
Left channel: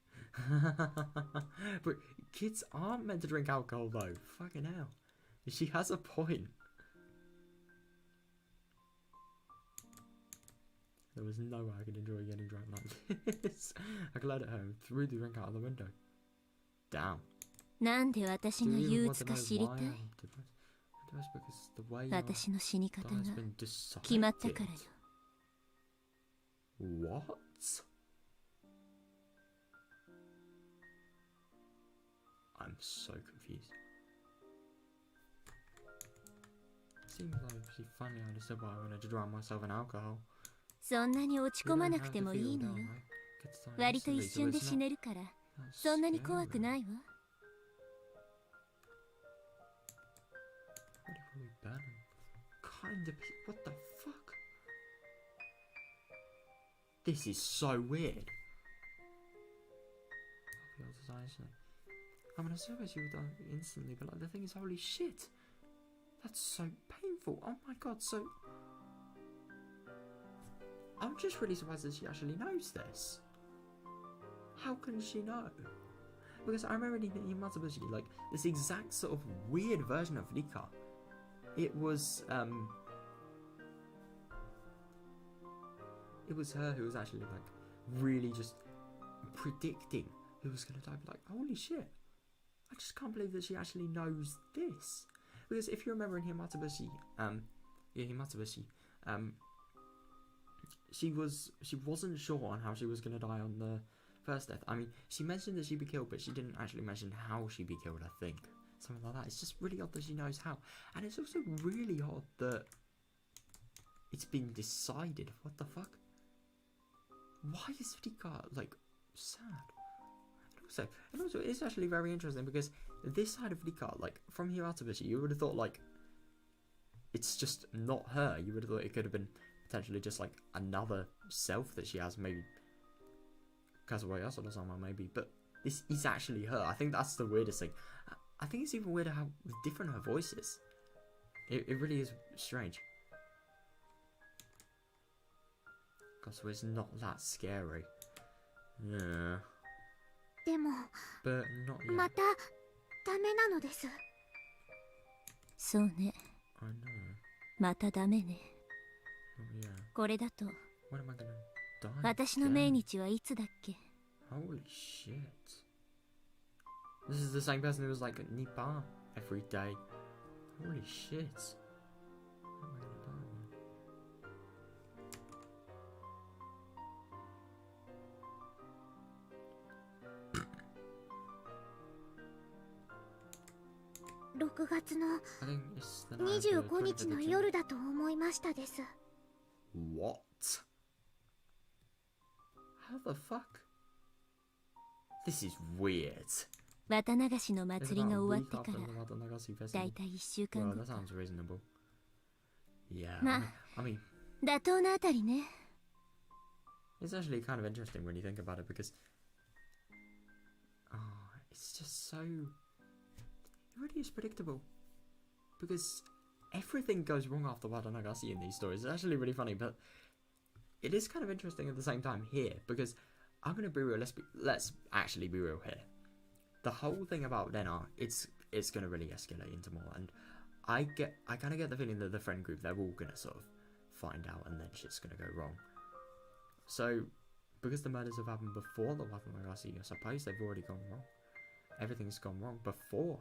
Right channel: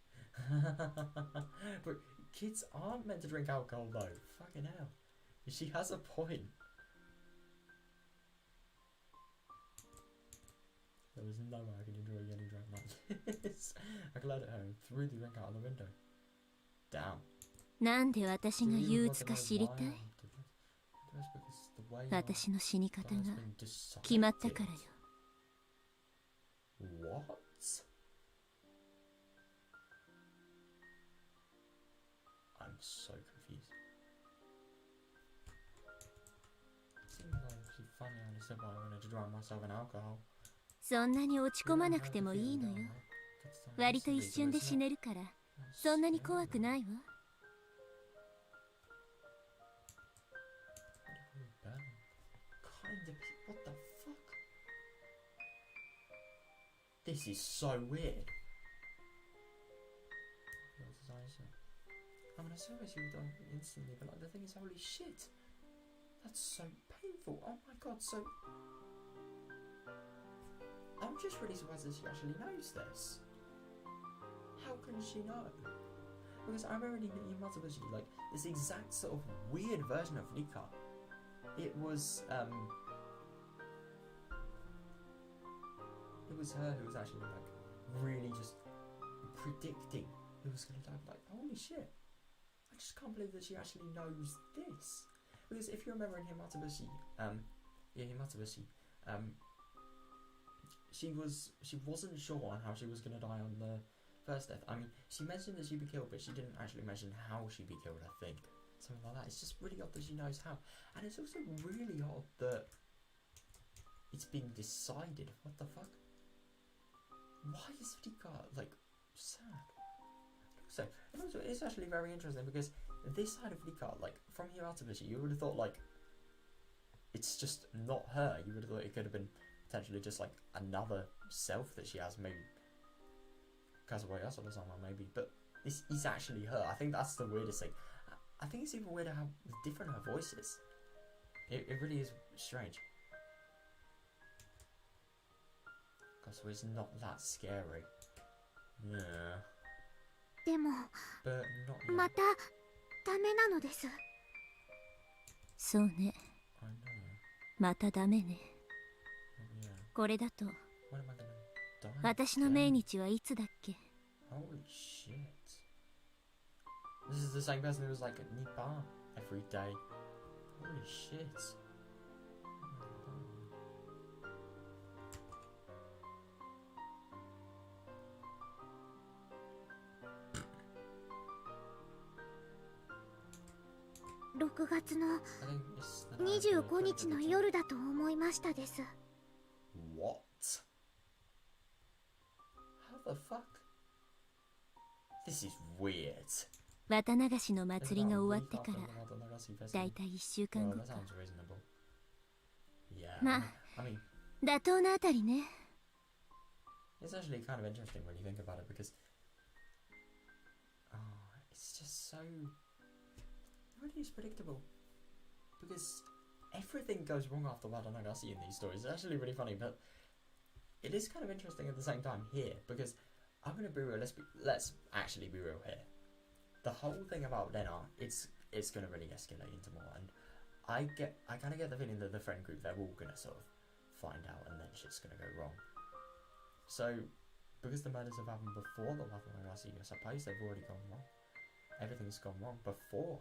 But kids aren't meant to drink alcohol though. Fucking hell. She has a point. There was no way I could enjoy getting drunk like this. I glared at her and threw the drink out of the window. Damn. なんで私が憂鬱か知りたい？ Because the way 私の死に方 that が has been decided. 決まったからよ。 What? I'm so confused. Seems like she finally understood why I wanted to drown myself in alcohol. そんなに落ち込まなくてもいいのよ。割と一瞬で死ねるから、そんなに怖くないわ。 Kind of. What the fuck? This is so weird. I mean, I suppose you would die instantly, but like the thing is, holy shit, that's so painful. Oh my god, so. I'm just really surprised that she actually knows this. How can she know? Because I remember in Matsubushi, like this exact sort of weird version of Rika. It was her who was actually like really just predicting who was gonna die. Like, holy shit, I just can't believe that she actually knows this. Because if you remember in Himatabushi, she wasn't sure on how she was going to die on the first death. I mean, she mentioned that she'd be killed, but she didn't actually mention how she'd be killed, I think. Something like that. It's just really odd that she knows how. And it's also really odd that it's been decided. What the fuck? Why is Rika, like, sad? And also, it's actually very interesting because this side of Rika, like, from Himatabushi, you would have thought, like, it's just not her. You would have thought it could have been potentially just, like, another self that she has, maybe Kazuwayasu or someone, maybe. But this is actually her. I think that's the weirdest thing. I think it's even weirder how different her voice is. It really is strange. So it's not that scary. Yeah. でも But not yet. またダメなのです。そうね。 I know. またダメね。 Oh, yeah. これだと When am I gonna die? 私の命日はいつだっけ？ Holy shit. This is the same person who was like Nippon every day. Holy shit. When am I gonna die, man? 6月の I think it's the night of the 25日の 25th. 夜だと思いましたです。 What? How the fuck? This is weird. 綿流しの祭りが終わってから Watanagasi だいたい1週間 Well, 後 that か。 sounds reasonable. Yeah. Ma. I mean, 妥当なあたりね。 it's actually kind of interesting when you think about it because, it's just so. It really is predictable because everything goes wrong after Watanagasi in these stories. It's actually really funny, but it is kind of interesting at the same time here because I'm gonna be real. Let's actually be real here. The whole thing about Rena, it's gonna really escalate into more, and I kind of get the feeling that the friend group, they're all gonna sort of find out, and then shit's gonna go wrong. So, because the murders have happened before the Watanagasi, I suppose they've already gone wrong. Everything's gone wrong before.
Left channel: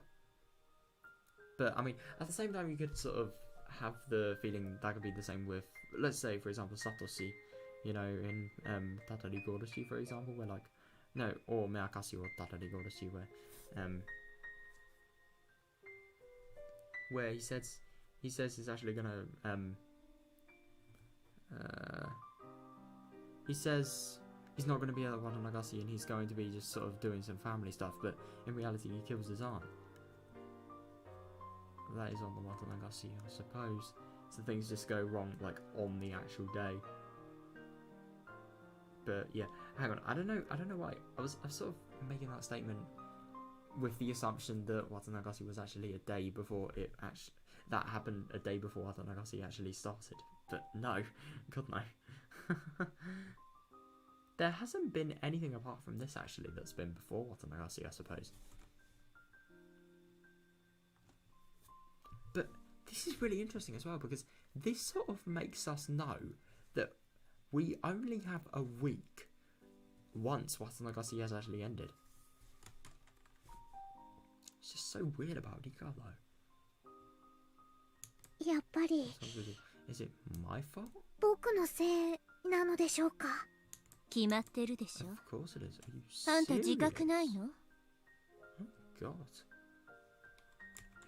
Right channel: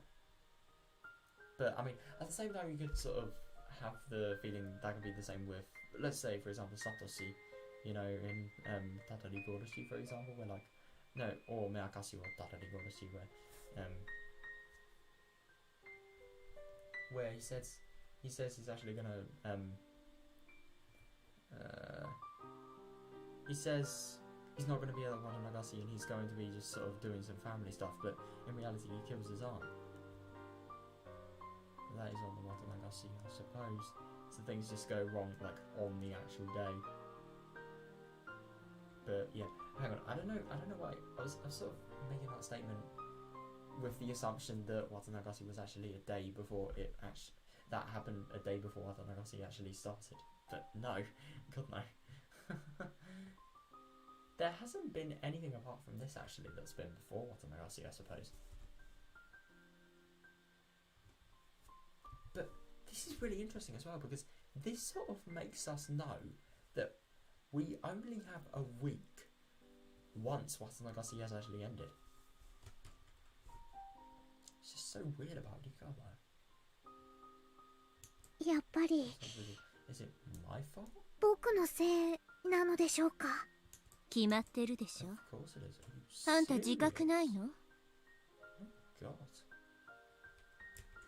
But I mean, at the same time, you could sort of have the feeling that could be the same with, let's say, for example, Satoshi. You know, in Higurashi, for example, where like, no, or Meakashi or Higurashi, where he says he's actually gonna he says he's not gonna be at Watanagasi and he's going to be just sort of doing some family stuff, but in reality he kills his aunt. That is on the Watanagasi, I suppose. So things just go wrong like on the actual day. But yeah, hang on. I don't know why I was sort of making that statement with the assumption that Watanagasi was actually a day before it actually that happened a day before Watanagasi actually started. But no, God no. There hasn't been anything apart from this actually that's been before Watanagasi, I suppose. But this is really interesting as well because this sort of makes us know that we only have a week once Watanagasi has actually ended. It's just so weird about Rika though. やっぱり Is it my fault? 僕のせいなのでしょうか。決まってるでしょ。 Of course it is. Are you あんた自覚 serious? ないの？ Oh God.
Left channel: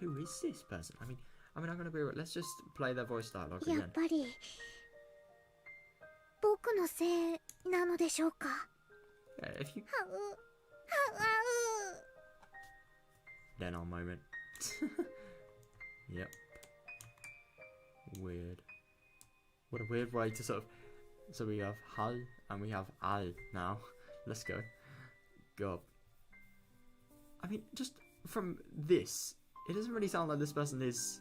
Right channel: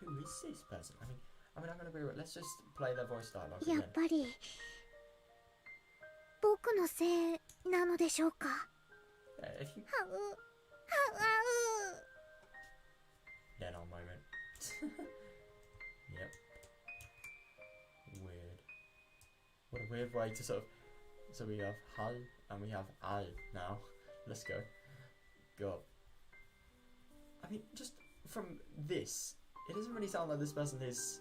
Who is this person? I mean, I'm gonna be. Let's just play their voice dialogue や again. っぱり僕のせいなのでしょうか。 Yeah, if you. はうはう Then on moment. Yep. Weird. What a weird way to sort of. So we have Hal and we have Al now. Let's go. God. I mean, just from this, it doesn't really sound like this person is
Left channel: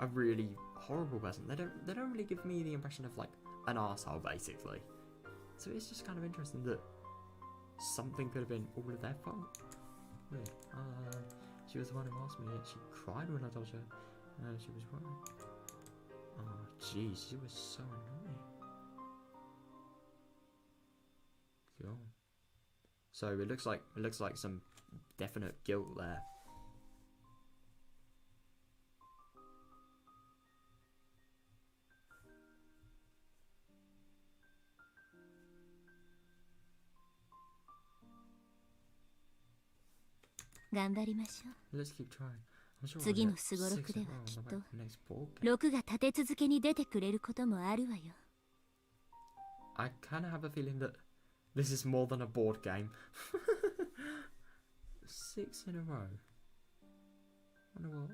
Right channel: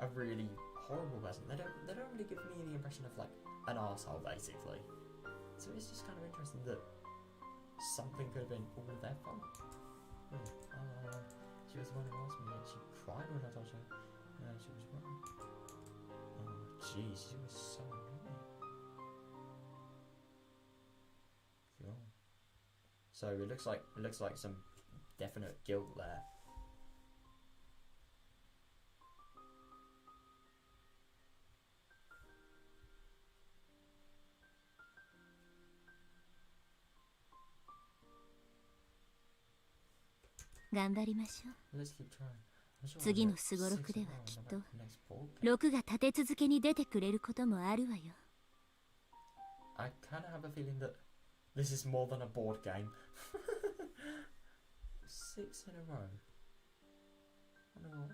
a really horrible person. They don't really give me the impression of like an arsehole basically. So it's just kind of interesting that something could have been all of their fault. Weird. She was the one who asked me and she cried when I told her she was wrong. Oh jeez, she was so annoying. Cool. So it looks like some definite guilt there 頑張りましょう。 Let's keep trying. I'm sure 次 we'll の get すごろくでは 6 in a きっ row と on the next board game. 6が立て続けに出てくれることもあるわよ。 I kind of have a feeling that this is more than a board game. 6 in a row. Wonder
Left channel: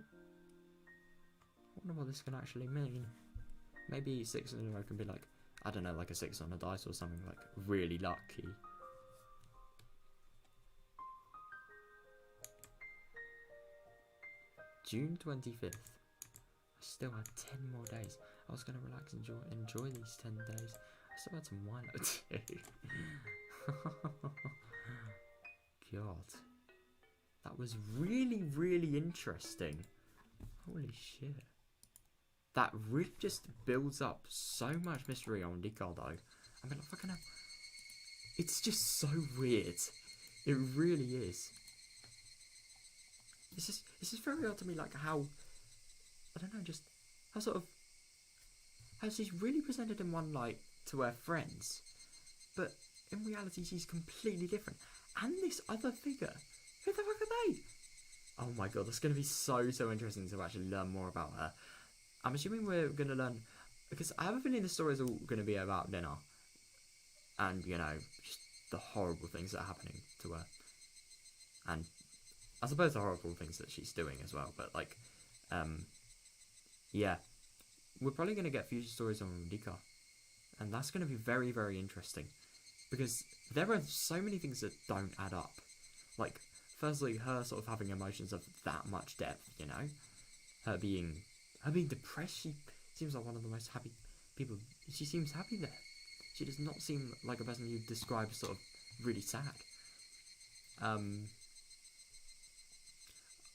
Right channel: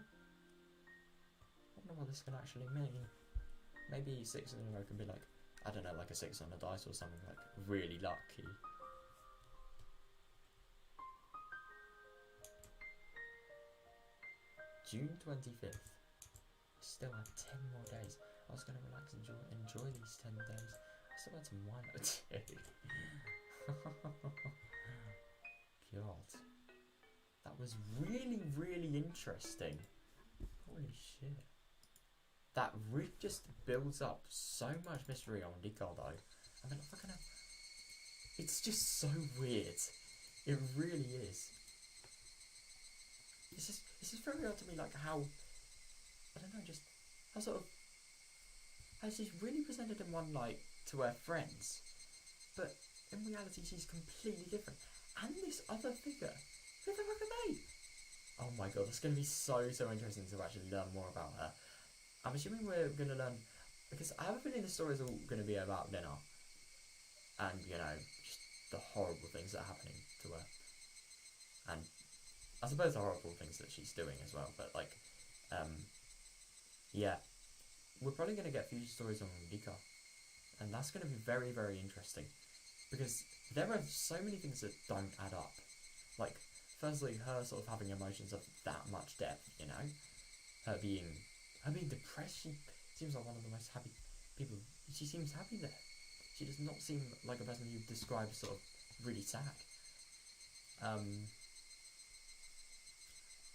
what this can actually mean. Maybe 6 in a row can be like, I don't know, like a 6 on a dice or something, like really lucky. June 25th. I still had 10 more days. I was going to relax and enjoy these 10 days. I still had some wine or two. God. That was really, really interesting. Holy shit. That really just builds up so much mystery on Ricardo. I mean, fucking hell. It's just so weird. It really is. It's just very odd to me, like how, I don't know, just how sort of, how she's really presented in one light to her friends, but in reality she's completely different. And this other figure, who the fuck are they? Oh my god, that's going to be so interesting to actually learn more about her. I'm assuming we're going to learn, because I have a feeling the story is all going to be about Rena, and, you know, just the horrible things that are happening to her, and I suppose the horrible things that she's doing as well, but, like, yeah, we're probably going to get future stories on Rika, and that's going to be very, very interesting, because there are so many things that don't add up. Like, firstly, her sort of having emotions of that much depth, you know, her being depressed. She seems like one of the most happy people. She seems happy there. She does not seem like a person you describe as sort of really sad.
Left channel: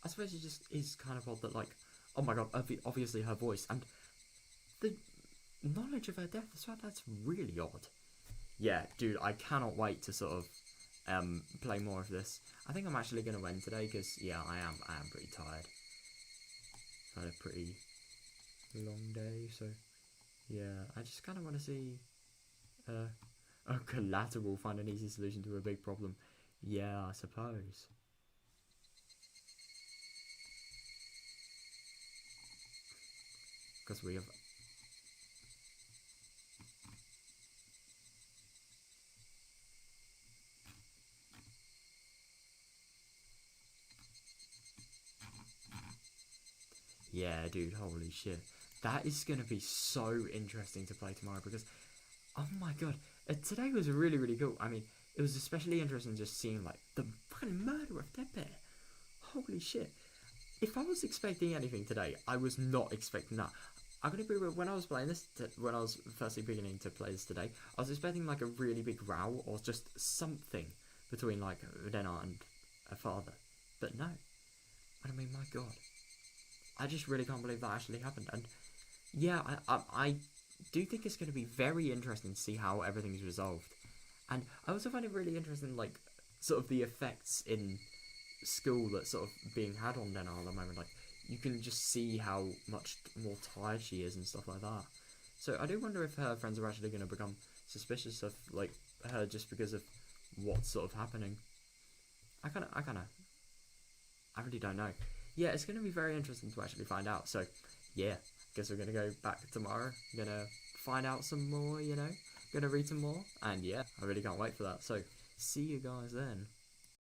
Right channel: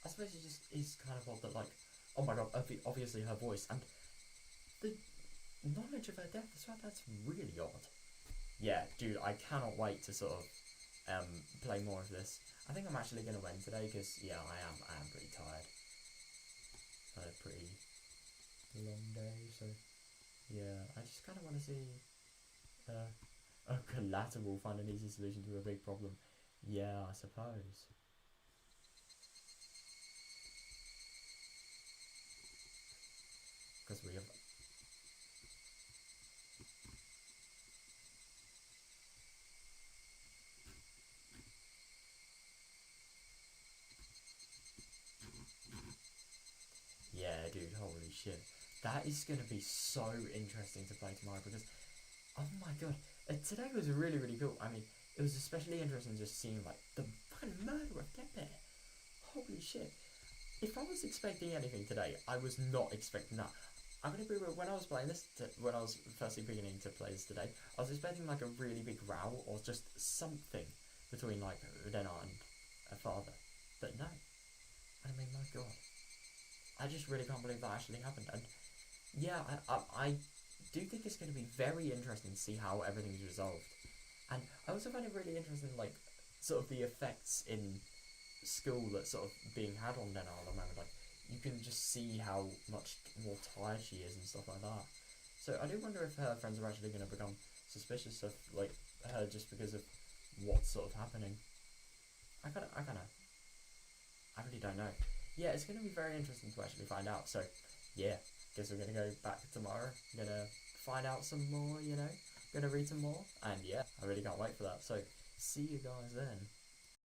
I suppose it just is kind of odd that, like, oh my god, obviously her voice and the knowledge of her death as well, that's really odd. Yeah, dude, I cannot wait to sort of play more of this. I think I'm actually going to end today because, yeah, I am pretty tired. Had a pretty long day, so yeah, I just kind of want to see a collateral find an easy solution to a big problem. Yeah, I suppose. Because we have... Yeah, dude, holy shit. That is going to be so interesting to play tomorrow because, oh my god, today was really, really cool. I mean, it was especially interesting just seeing, like, the fucking murder of Dead Bear. Holy shit. If I was expecting anything today, I was not expecting that. I'm going to be real, when I was playing this, when I was firstly beginning to play this today, I was expecting, like, a really big row or just something between, like, Rena and her father. But no. I mean, my god. I just really can't believe that actually happened. And yeah, I do think it's going to be very interesting to see how everything's resolved. And I also find it really interesting, like, sort of the effects in school that's sort of being had on Rena at the moment. Like, you can just see how much more tired she is and stuff like that. So I do wonder if her friends are actually going to become suspicious of, like, her just because of what's sort of happening. I really don't know. Yeah, it's going to be very interesting to actually find out. So, yeah, guess we're going to go back tomorrow. Going to find out some more, you know. Going to read some more. And yeah, I really can't wait for that. So, see you guys then.